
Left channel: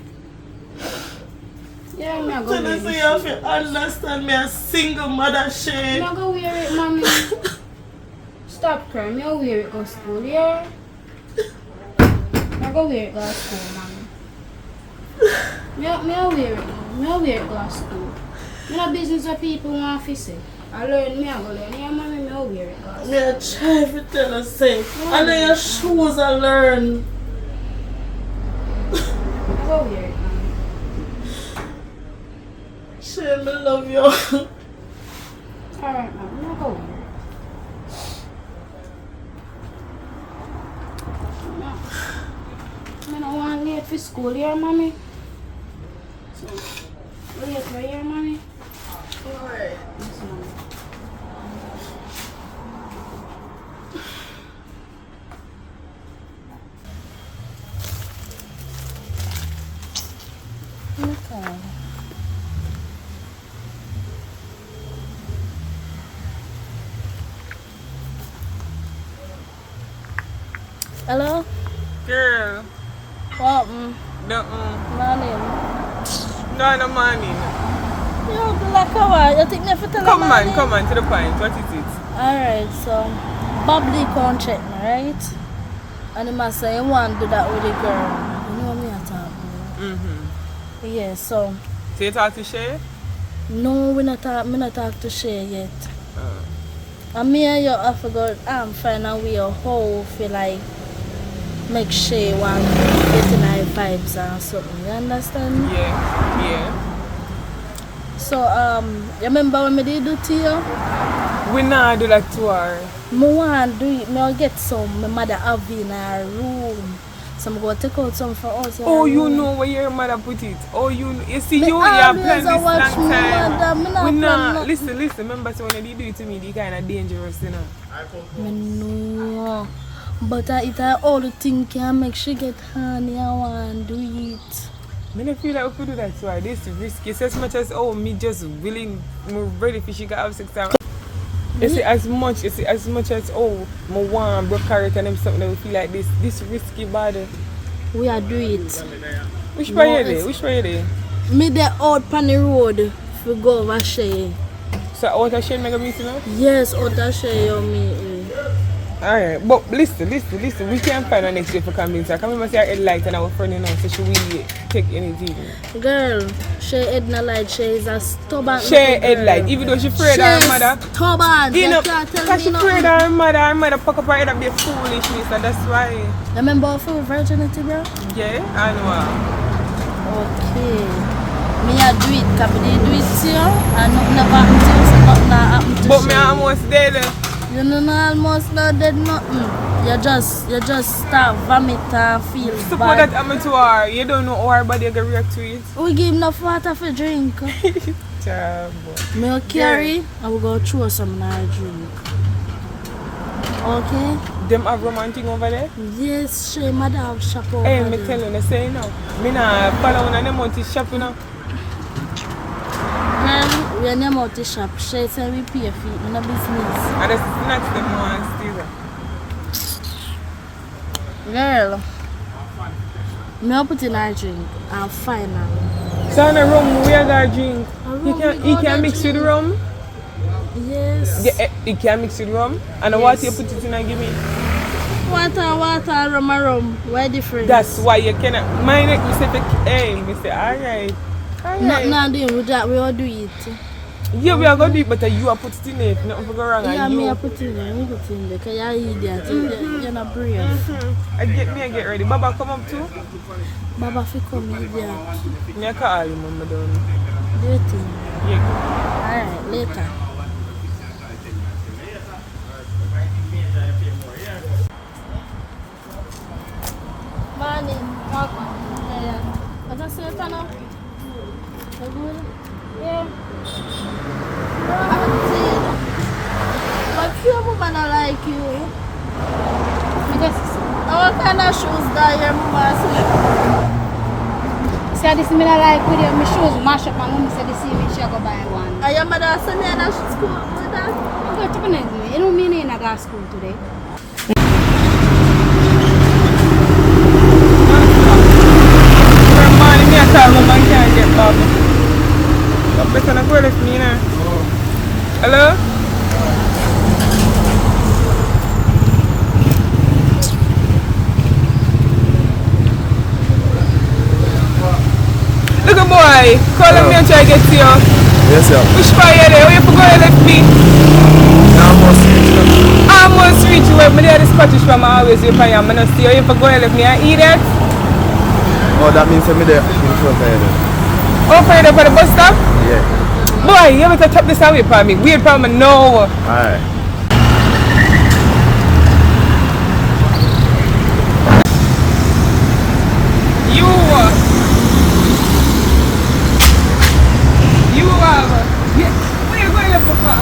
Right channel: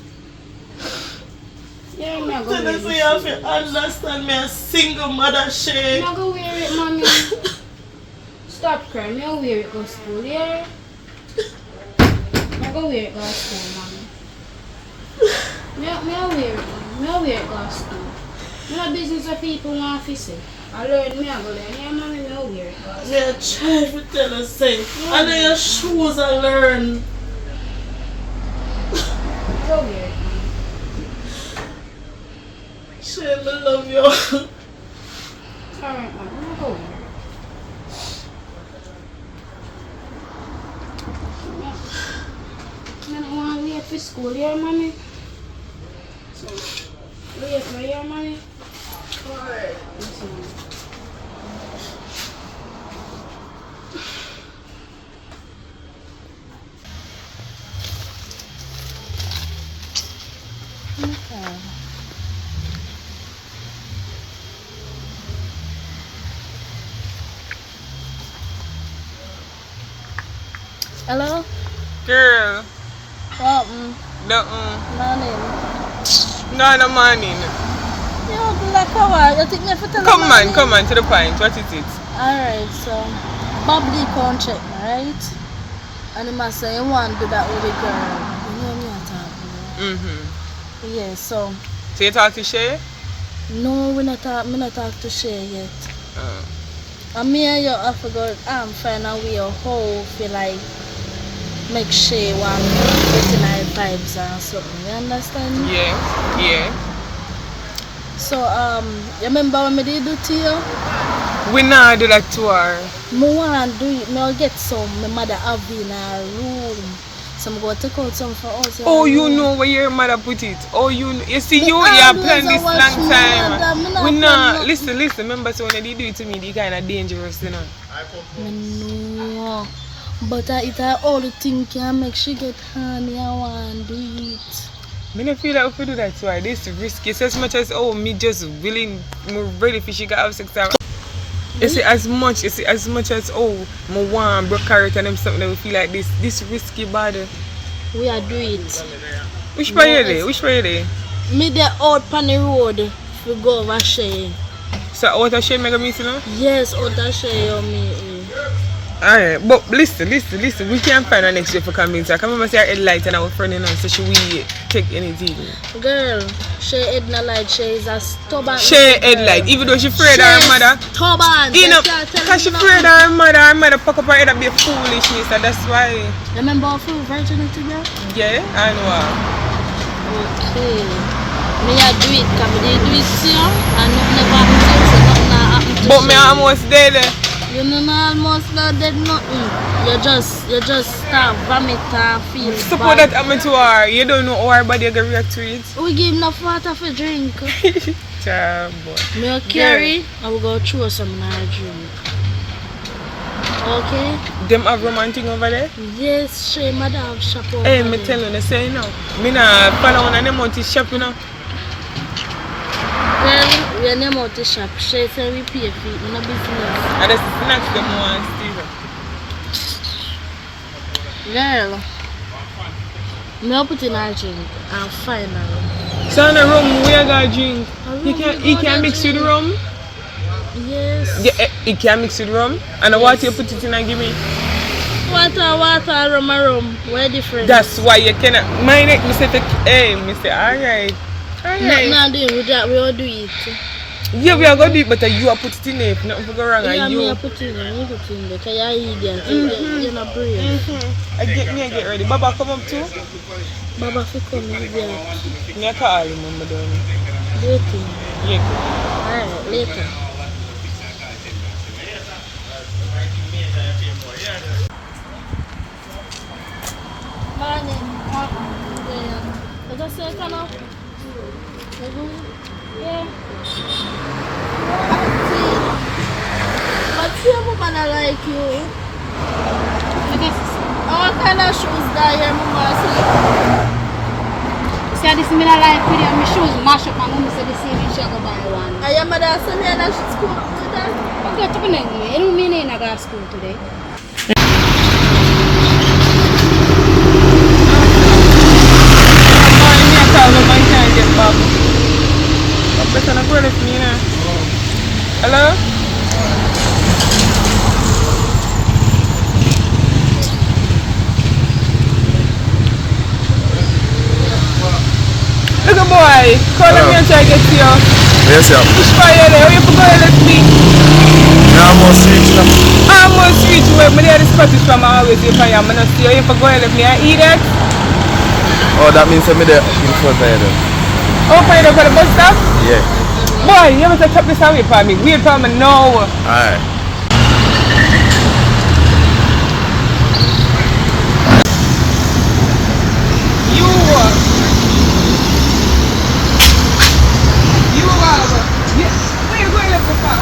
Yeah, I'm not So gonna wear this it. way you have to understand me, a single mother shade. I'm not gonna wear it, mommy. Stop crying, I'll wear it, go to school, yeah? I'm not gonna wear it, go to school, mommy. I'll wear it, mommy. I'll wear it, go to school. No business of people want to say. I learn me, I go there. Yeah, mommy, I'll wear it, go to school. Me a try to tell her say, and then your shoes I learn. I'll wear it, mommy. Shade, me love you. Alright, mommy, I'll go wear it. I don't want to late for school, yeah, mommy? So, late for you, mommy? Why? Yes, mommy. Okay. Hello? Girl. What? No. Morning. No morning. You like how you think me for tell Come morning? on, to the point. What is it? Alright, so Bob Lee can't check me, right? And he must say he want to do that with the girl. You know me I talk about. Mm-hmm. Yeah, so So you talk to Shay? no, me not talk to Shay yet. Uh, And me and you have to go find a way of how feel like make Shay want get in her vibes and something. You understand me? yeah. So you remember when me did do to you? We not do that to her. Me want do it, me get some my mother have in her room. So I'm going to take out some for us. Oh, you know where your mother put it. Oh, you see, Me you have always planned this watch long my time. mother, me not We plan not. nothing. Listen. Remember, so when they do it to me, they kind of dangerous, you know. No, but it all the thing can make she get honey. I want to do it. I don't feel like if we do that to her, this is risky. It's as much as, me just willing, more ready for she can have sex. You see, as much as, me want broke carrot and them something that we feel like this risky body. We are do it. Which way you there? Me there out on the road we go over Shay. So out of shame, I go meet you now? Yes, out of Shay, you meet me. Alright, but listen. We can't find her next year for convince her. I can remember say her headlight and our friend and so she will take anything. Girl, Shay head not like Shay is a stubborn. Shay headlight, even though she afraid of her mother. Stubborn. You know, because she afraid of her mother pack up her head and be foolishness, and that's why. Remember our full virginity, girl? Yeah, I know. Okay. Me I do it, because I do it to you, and nothing never happened to you, so nothing happened to But Shay. me almost dead. You know, not almost not dead nothing. You just start vomit and feel Suppose bad. that happened to her. You don't know how her body going to react to it. We give enough water for drink. Child, boy. Me will carry, I will go throw some in our drink. Okay? Them have romantic over there? Yes, she mother have shop over Hey, there. me tell you, they say no. Me not follow one of them out to shop, you know. Girl, we are name out the shop. She say we pay for it in a business. And the snacks them want Steve. Girl, me will put in our drink and finally. So in the rum, we are going to drink. A rum, He we can gonna mix with drink. rum. Yes. Yeah, he can mix with rum. And the water you put it in and give me. Water, rum. Where different? That's why you cannot. Mine, me say, hey, me say, alright. Alright. Not doing with that, we will do it. Yeah, we are going to do it, but you are put it in there. If nothing go wrong, Yeah, and me you. will put it in there, because you're an idiot. You're not brave. I get ready. Baba come up too. Baba, if you come, idiot. Me call you, mama, don't. Later. Yeah. Alright, later. Morning. Yeah. What I say, Kana? You good? Yeah. But your woman I like you. What kind of shoes that your mama see? See, this me not like video. My shoes mash up. My mom said the same way she go buy one. Are your mother send me to school with that? I'm going to go anyway. You know me ain't go to school today. Me call my man can't get Baba. I better not go with me now. Hello? Look at boy, call me and try to get to you. Yes, sir. Which part you there? You forgot to let me. Almost reached now. Almost reach where me there the Scottish from I always wait for you. I'm not see you. You forgot to let me. I eat it. Oh, that means I'm there in front of you. Oh, for you for the bus stop? Yeah. Boy, you better chop this away for me. Wait for me now. Alright. You yeah. Where you going left for?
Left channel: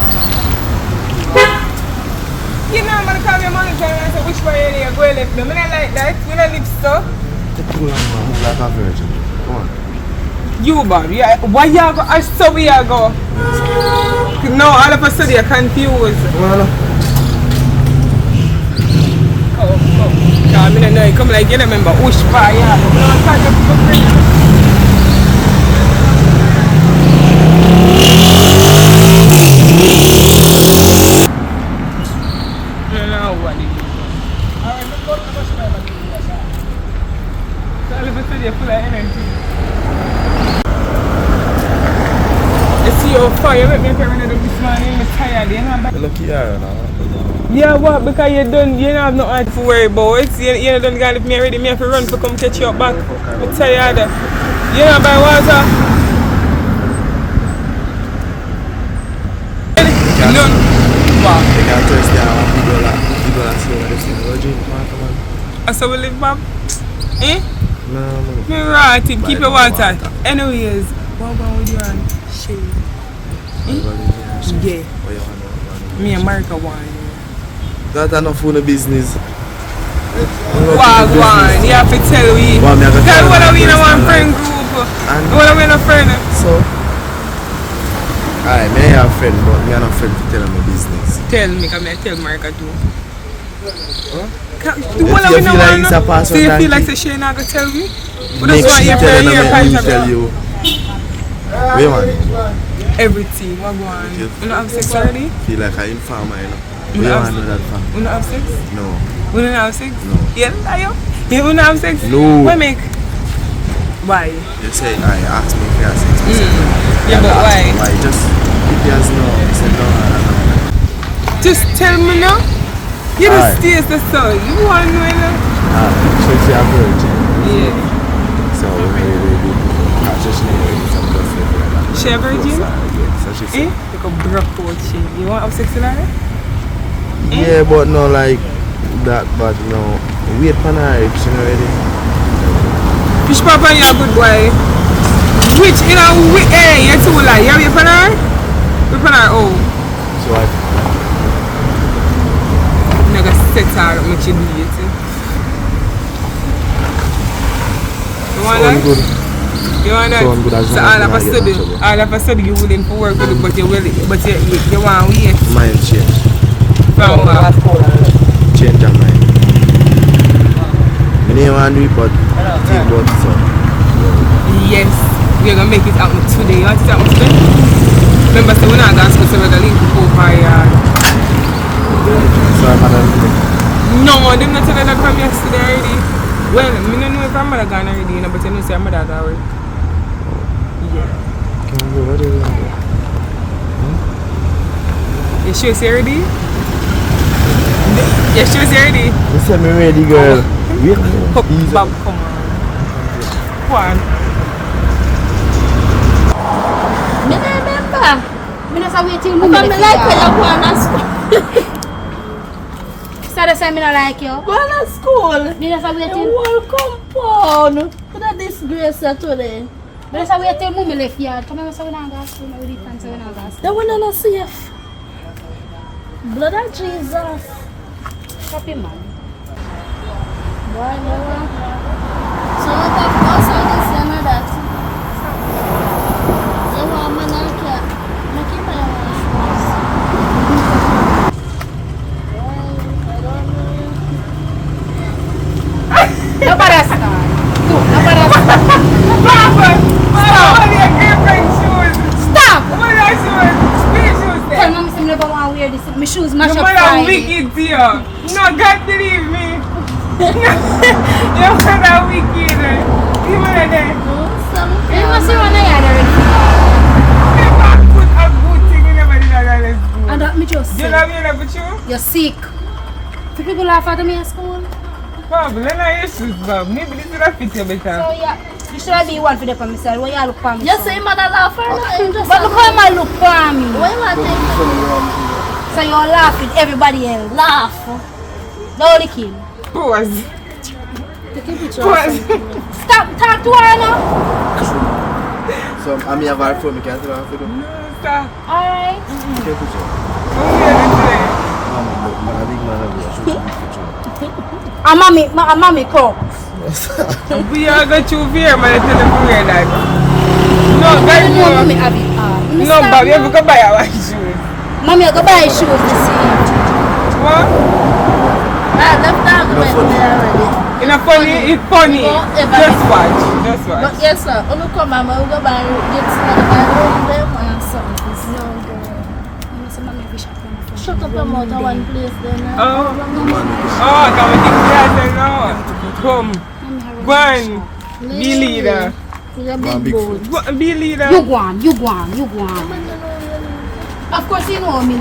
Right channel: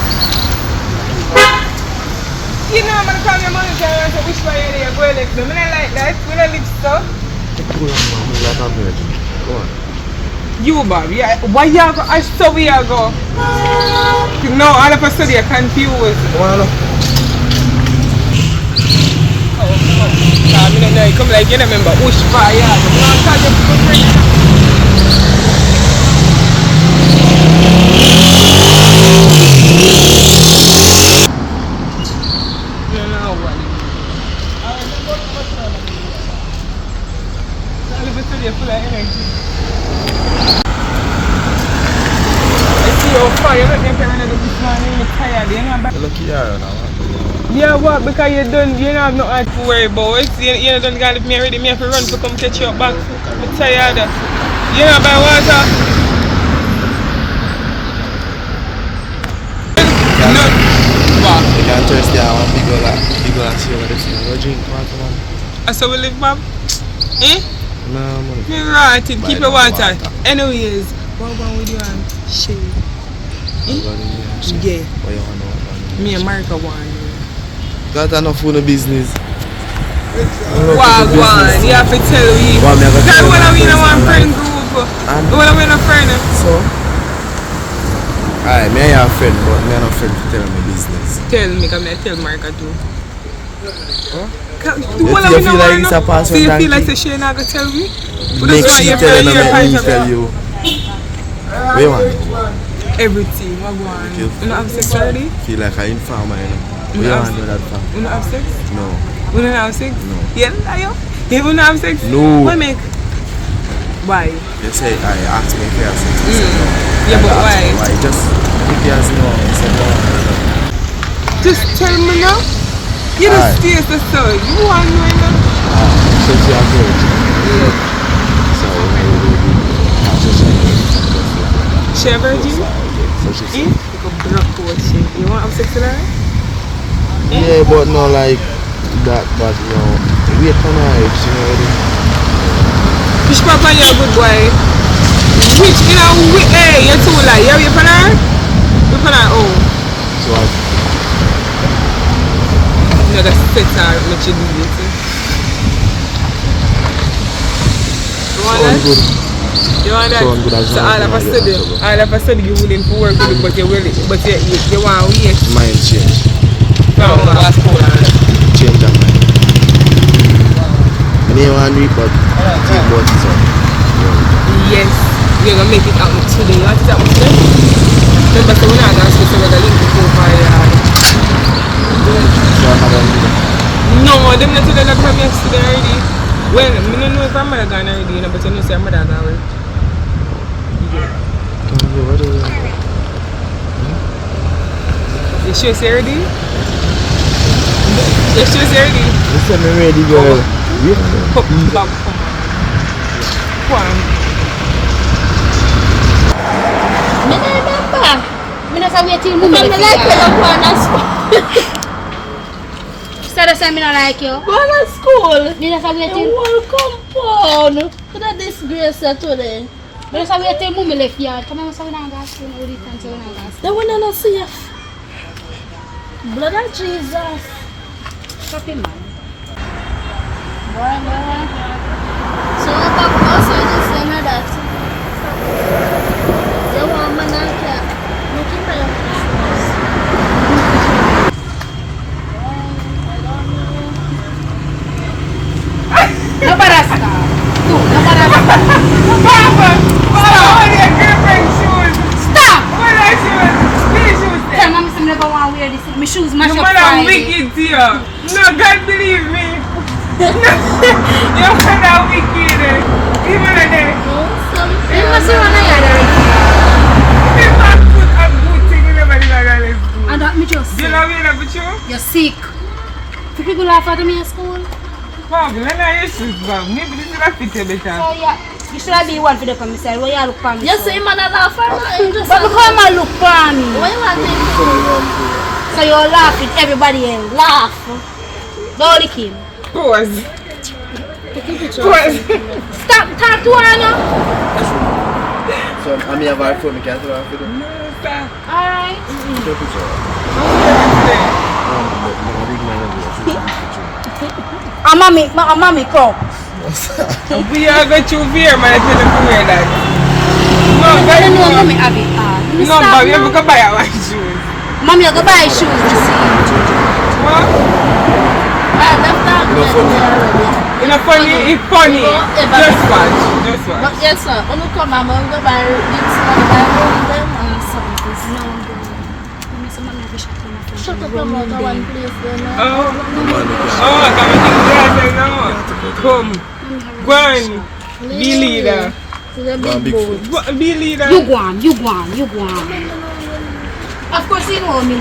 You know I'm gonna call your mom and say which way you go left. No, I don't like that. We don't live so. Like a virgin. Go on. You Bob, yeah. Why you go? I saw where you go. No, all of a sudden you're confused. Well, I mean, no, come like you remember which part you go. No, I thought you were friend. You look like you're this morning, you're tired, you know. lucky you now. Yeah, what? Because you don't, you don't have no heart to worry about. You don't got me already, me have to run to come catch you back. I'm tired. You know, buy water. No. What? You can Thursday, I want to go and see over the thing. Go drink water, man. So we live, Bob? Eh? No, man. Me right, keep Buy your no water. water. Anyways, what going with you and Shay? Yeah. What you want to know? Me and Marika want. Got enough for the business. Wagwan, you have to tell me. Well, me have to Tell tell when my I'm in a one personal friend life. group. And When I'm in a friend. so, alright, me have a friend, but me have a friend to tell my business. Tell me, come here, tell Marika too. Huh? When I'm You in a feel like one, it's a person so you feel donkey? like say she not gonna tell me? But Make that's why she you tell tell you, your make point me of tell view. you. Wait, man. Everything, what go on? You don't have sex already? Feel like an informer, you know. We don't want to know that fact. You don't have sex? No. You don't have sex? No. Yeah, are you? You don't have sex? No. What make? Why? They say, I asked me if he has sex. I said no. Yeah, but I asked why? him why? Just, if he has no, I said no, I don't know. Just tell me now. You Aye. just taste the soul. You want to know? So she a virgin. Yeah. So I just some stuff like that. She a virgin? So she said. Like a black coat she. You want to have sex with her? Yeah, but no like that, but no. Wait for night, you know it is. Fish papa, you're a good boy. Which, you know, hey, you're too like, you're for her? You're for her, oh. So I You're going to set her up, make you do it. You want that? good. You want that? Sound good as So long as all of a sudden you're willing to work with it, but you're willing, but you want to wait. mind change. No, last quarter. Change your mind. I didn't want to do it, but think about it, so. Yes, we're going to make it happen today. You want it to happen today? Remember, so we're not going to speak to the link before fire. So I'm not going to do it. No, they're not telling that from yesterday already. Well, I don't know if I'm mother gone already, you know, but you know, say I'm mother gone already. Yeah. Can't go, what is it? You sure it's ready? You sure it's ready? Listen, I'm ready, girl. Come on. Come on. Me no remember. Me no say wait till I me like you go on to school. Instead of saying me no like you. Go on to school. Me no say wait The till. whole compound. To the disgrace today. Me no say wait till mummy left yard. Come on, say we not go to school. We dey fancy we not go to school. That one not safe. Blood of Jesus. Stop him, man. Boy. So you talk about so this and that. You want me not to make him my Nobody start. Nobody start. What are your girlfriend's shoes? Stop. What are your shoes? These shoes Tell there. mommy say me never want to wear this. My shoes match Your up mother fine. wicked to you. No, God believe me. Your mother wicked. You mother there. You must see one I had already. Never put a good thing in everybody that let's go. And that me just You say, know what I mean, you? you're sick. Do people laugh at me at school? Bob, let me your shoes, Bob. Maybe this is a fit you better. So yeah, you should have been one for the for me side. Why you look for me? You say man a laugh or not? But how am I look for me? What you want him to do? So you're laughing everybody else. Laugh. Don't lick him. Pause. Take a picture. Pause. Stop, talk to her now. So I'm here for phone, can't tell her for them. No, stop. Alright. Take a picture. I'm here today. I'm a big man of you, I should take a picture. I'm mommy, come. We are going to wear my little wear that. No, I guys, don't know no. mommy have it. No, Bob, you have to buy our shoes. Mommy, I go buy shoes to see. What? Ah, that's not good already. It's not funny, it's funny. Just watch, just watch. But yes sir, when you come I'm going to buy this one and them and something. Shut up your mouth at one place then. Oh, come and think that now. Come, go on, be leader. You're Go on, big big boy. foot. Be leader. You go on, you go on, you go on. Of course you know me.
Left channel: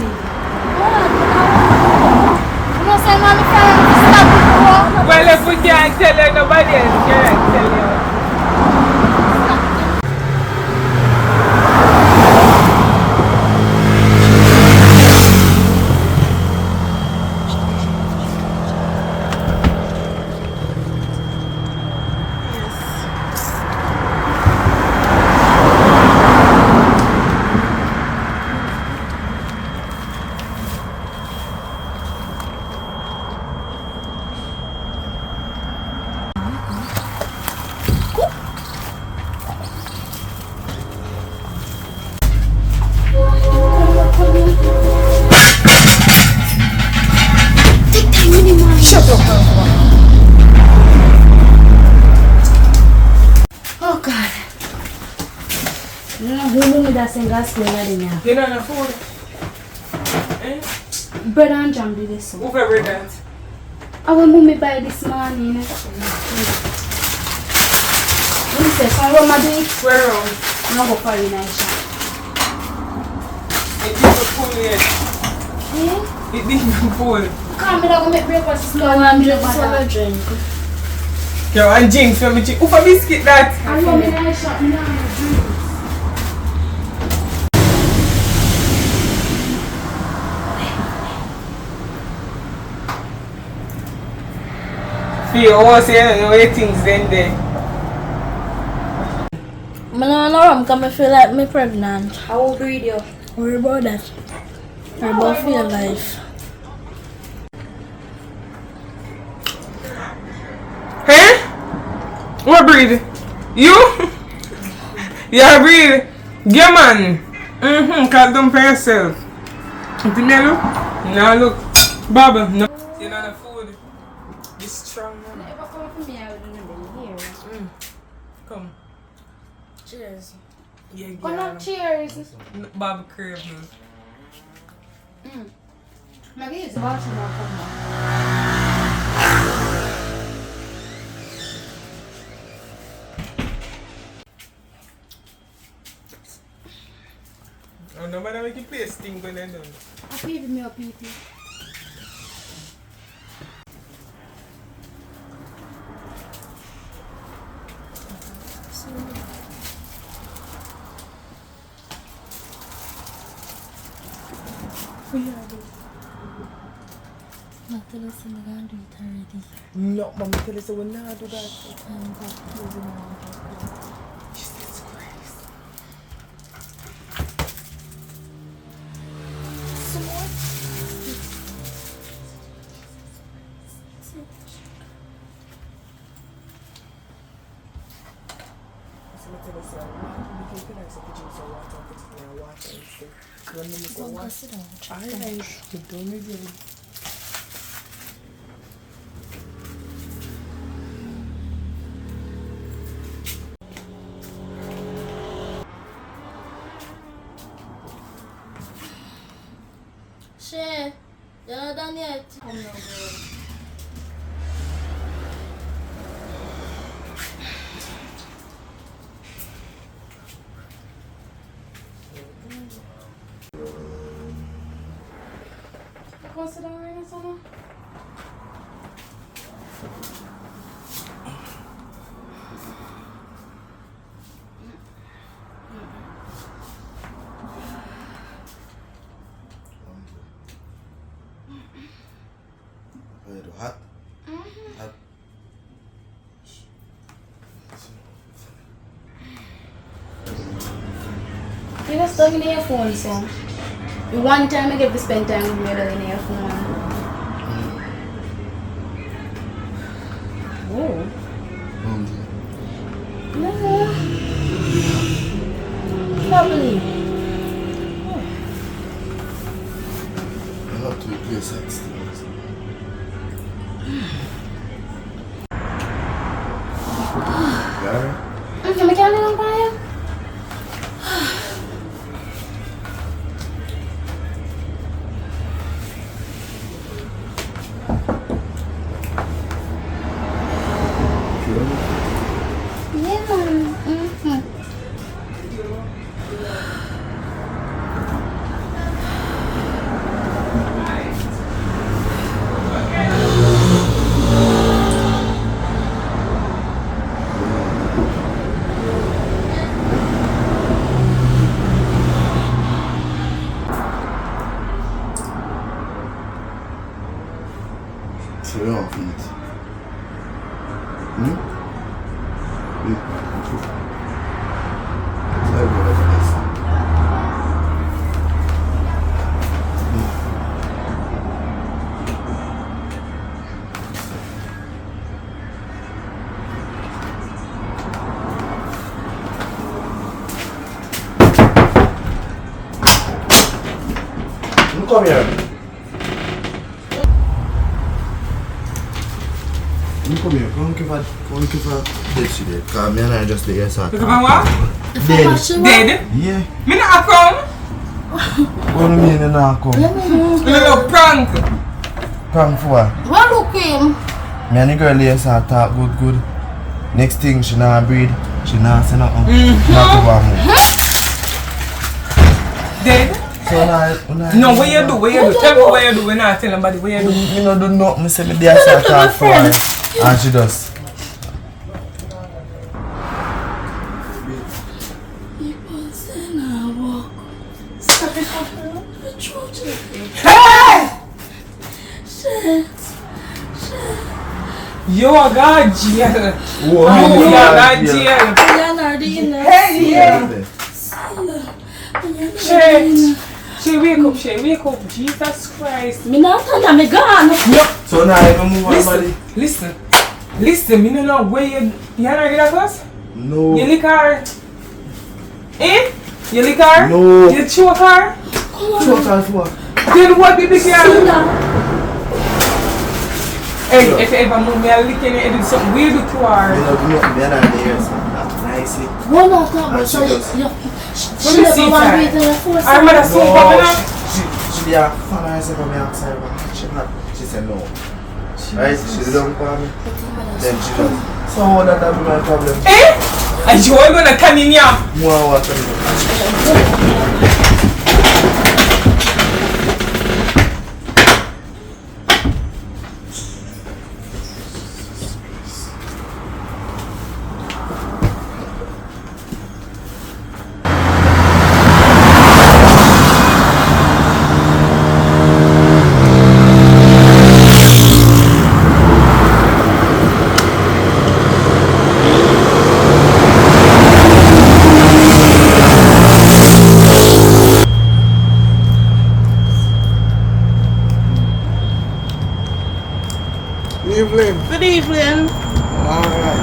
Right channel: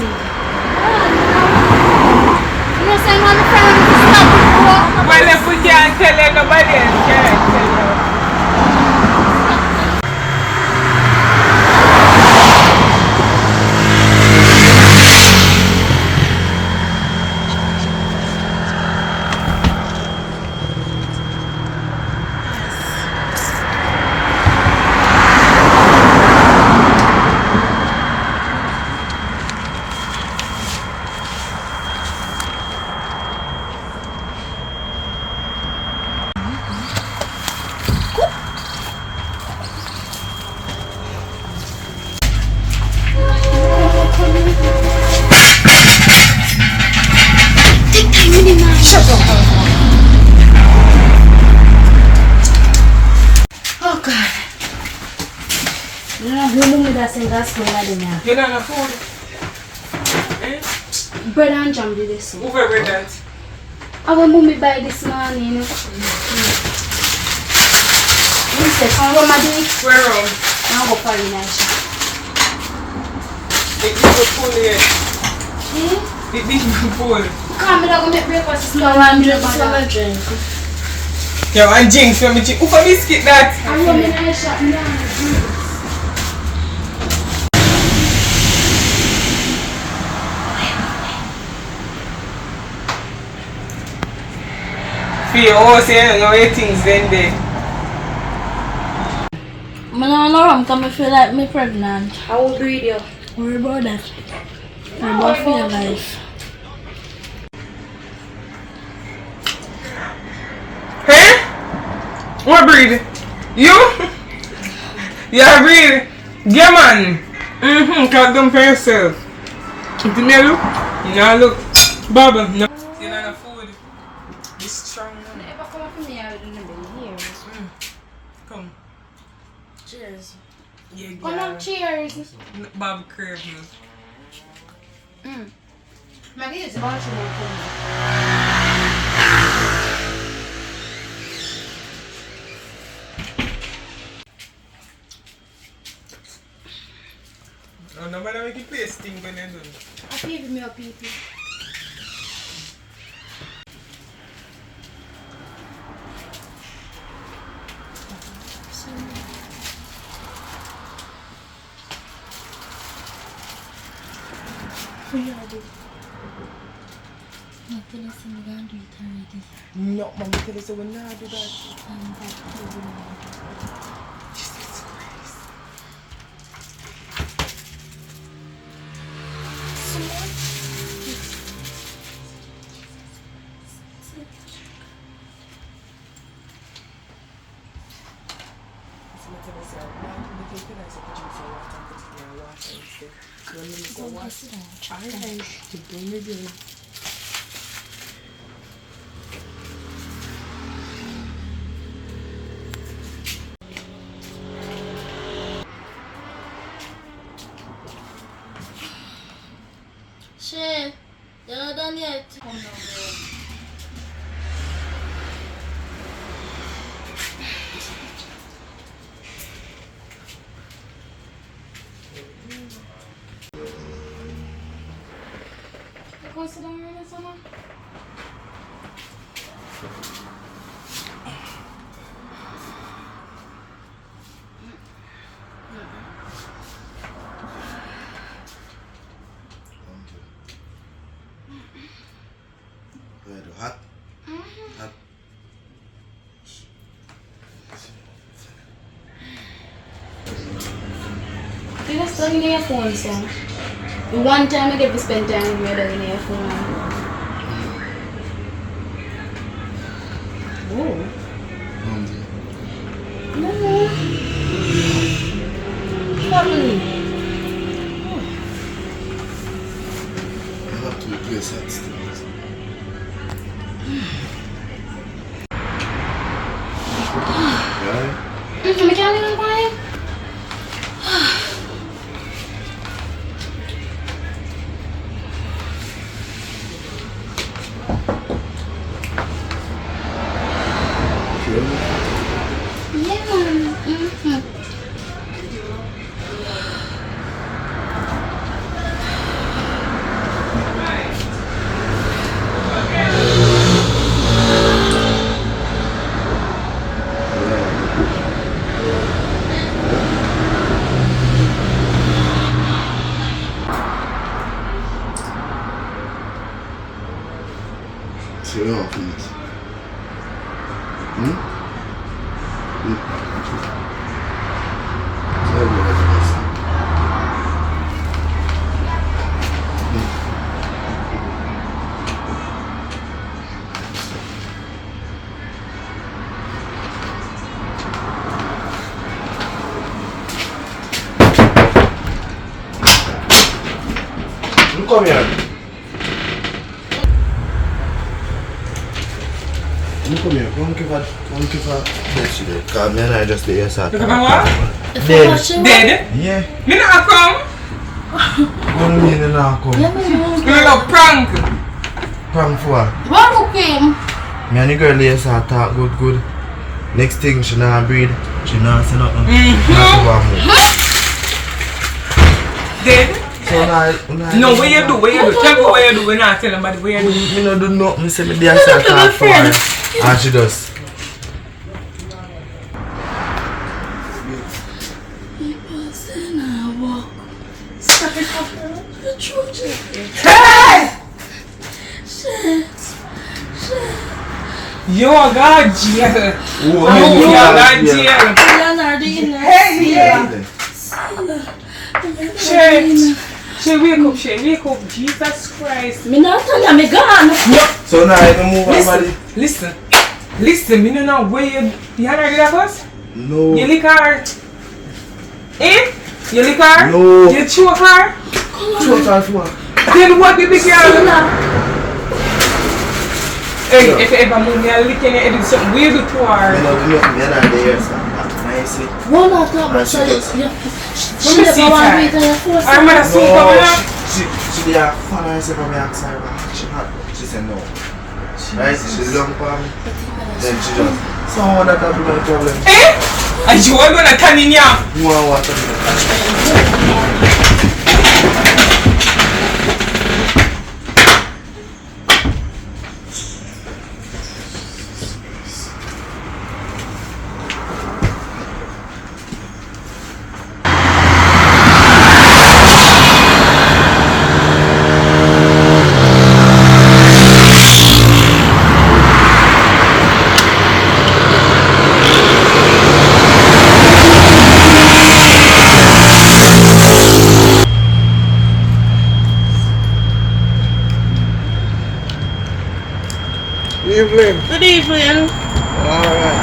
You know say no me friend me stop it. Well, if we can't tell you, nobody else can tell you. got school like them yeah. You don't have food? Eh? Bread and jam did this. Who for bread that? Our mommy buy this morning, you know. You say, come run my day. Where on? I'll go for you in a shop. It gives you food yet. Eh? It gives you food. Come, I'm going to make breakfast this morning. I'm going to drink. Yo, and Jinx, let me drink. Who for biscuit that? I'm going to make a shop now. Feel all say no way things then there. I don't know because I feel like I'm pregnant. I will breed you. Worry about that. Worry about your life. Huh? What breed? You? Yeah, breed. Yeah, man. Cause don't pay yourself. Do me look? No, look. Baba, no. You know the food. This strong one. Never come up to me, I don't know here. Come. Cheers. Yeah, Come on, cheers. Baba crave you. My name is Martin. Oh, no matter what you play, stink when they're done. I'll pee me up, pee. No, Mama, tell us we're not do that. Shay, you're not done yet. Come now, girl. Consider down someone? Hot. Hot. You just stuck in your phone, so. The one time I get to spend time with you, in your phone. Oh. No. Lovely. I have to replace that still. Right? I can't even buy it. Yeah. So you don't feel it. Come here. come here. One give her dead she dead. Because me and I just the yes. You come what? Dead. Dead? Yeah. Me not come. What do you mean you not come? You know prank. Prank for what? What look him? Me and the girl yes talk good. Next thing she not breed. She not say nothing. Not to go and move. Dead? So No, what you do? Tell me what you do. We're not telling nobody what you do. Me no do nothing. Say me there say talk for her. And she does. Hey! You are God jail. You are God jail. Hey, yeah. She wake up. Jesus Christ. Me not tell you, me gone. So now I move her body. Listen, me no know where you had her first? No. You lick her? Eh? You lick her? No. You choke her? Choke her for what? Then what did you girl? Hey, if you ever move me, I'll lick your head, do something weird to her. Me no do nothing. Me and her there nicely. One more talk, but she she never want me to your force. I'm gonna soon come out. She did a fan and I said, me ask her, she had. She said no. Right? She long for me. Then she just. So how that be my problem? Eh? Are you all gonna turn in here? More water. Good evening. Alright.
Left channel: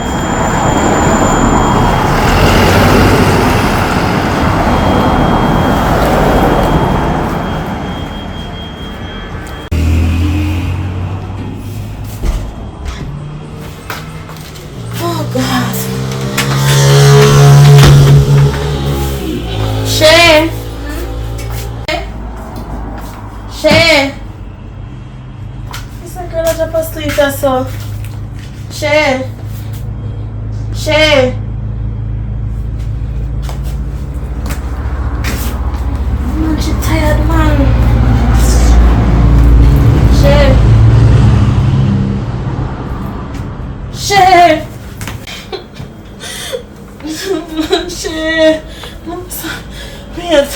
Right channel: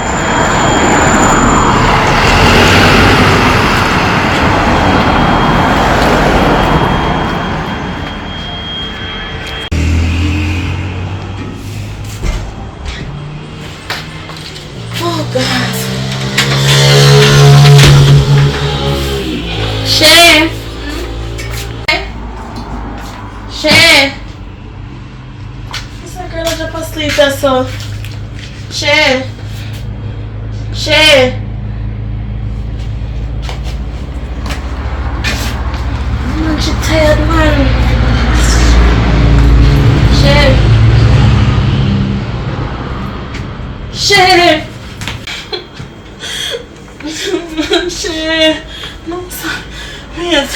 Oh God. Shay. It's a girl that just asleep or so. Shay. Man, she tired, man. Shay. Shay. Wait.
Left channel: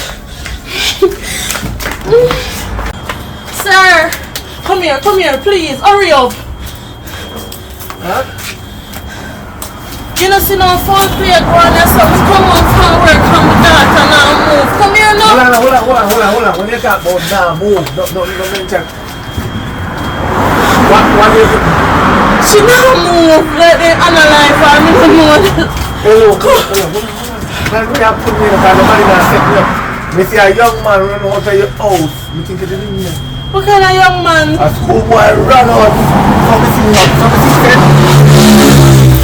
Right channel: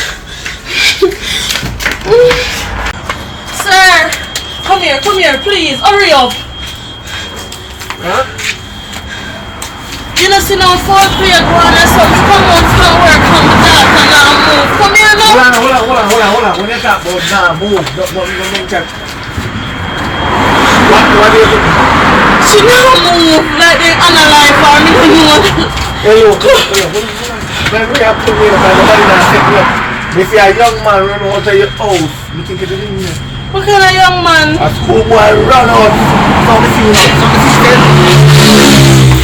Sir, come here, please, hurry up. Huh? You know, see no phone play going or something. Come on, start work from the daughter now move. Come here now. Hold on. When you talk about now move, don't even mention. What is it? She now move like they analyze her. Me don't know that. Hello. When we have put me in the car, nobody not set me up. Me see a young man run out of your house. You think it's in there? What kind of young man? A schoolboy run out. How me see him?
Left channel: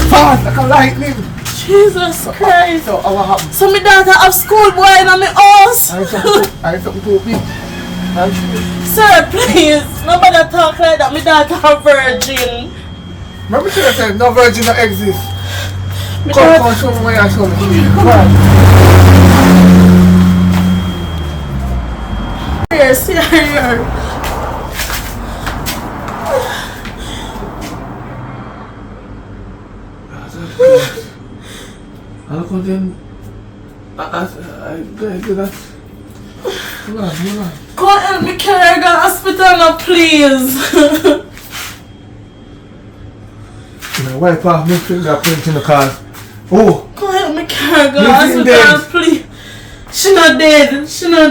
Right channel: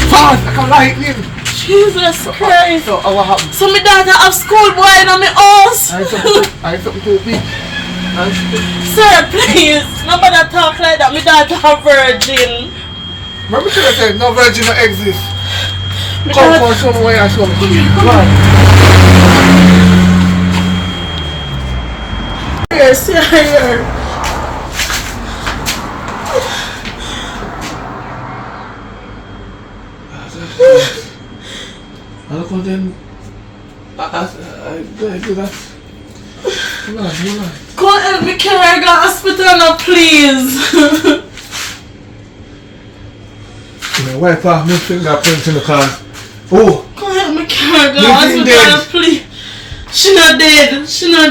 Fast, like a lightning. Jesus Christ. So what happened? So my daughter have school boy in my house. I something too big. Sir, please. Nobody talk like that. My daughter a virgin. Remember to say no virgin no exist. My Come daughter- show me where I show me. Come on. Yes, here. I look on them. I do that. Come on. Come help me carry her to the hospital now, please. My wife off my fingerprint in the car. Oh! Come help me carry her to the Living hospital, dead. please. She not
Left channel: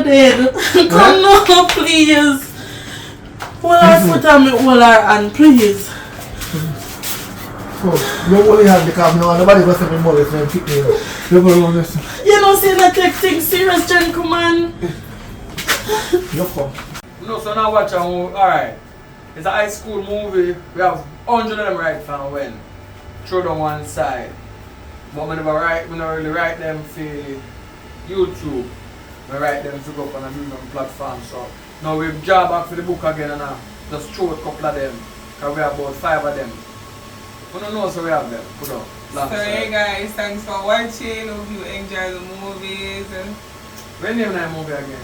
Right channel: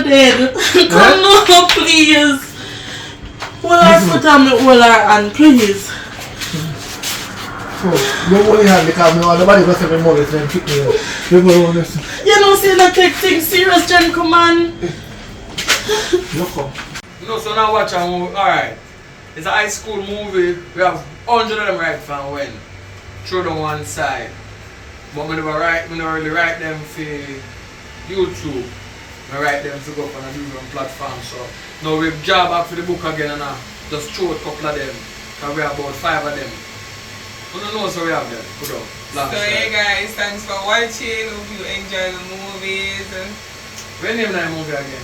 dead. Come now, please. Hold her foot and me hold her hand, please. So, you only have the car, nobody goes to me more than pick me up. You go on this. You know, say not take things serious, gentleman. You come. No, so now watch a movie. Alright. It's a high school movie. We have 100 of them right from when. Throw them one side. But we never really write them for YouTube. We write them to go up on a different platform. So now we've job back for the book again and just throw a couple of them. Because we have about 5 of them. We don't know so we have them. Put up. So yeah guys, thanks for watching. Hope you enjoy the movies. What name that movie again?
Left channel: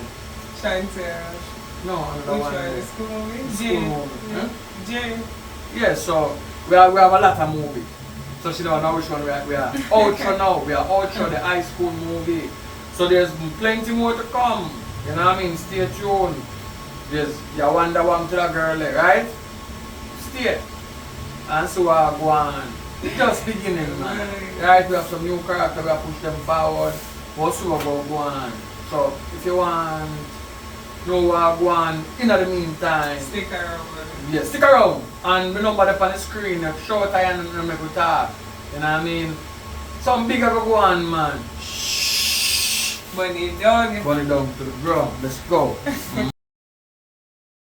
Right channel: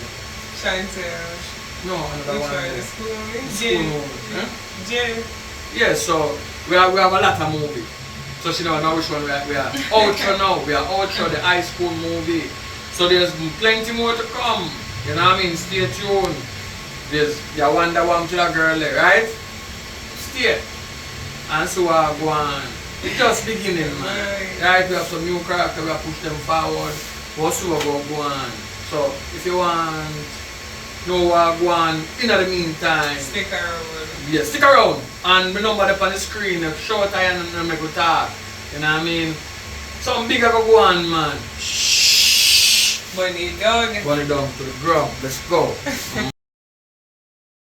Chantel. No, another Which one. one? The school movie? School movie. Huh? J. Yeah, so we have a lot of movies. So she don't know which one we are. Outro now. We are outro the high school movie. So there's plenty more to come. You know what I mean? Stay tuned. There's your Wonder Woman to the girl there, right? Stay. And so I go on. It's just beginning, man. Right? We have some new characters. We have push them forward. Also go on. So if you want know what go on in the meantime, Stick around. yeah, stick around. And my number up on the screen, show time and make we talk. You know what I mean? Some bigger go on, man. Shh. Money down. Money down to the ground. Let's go.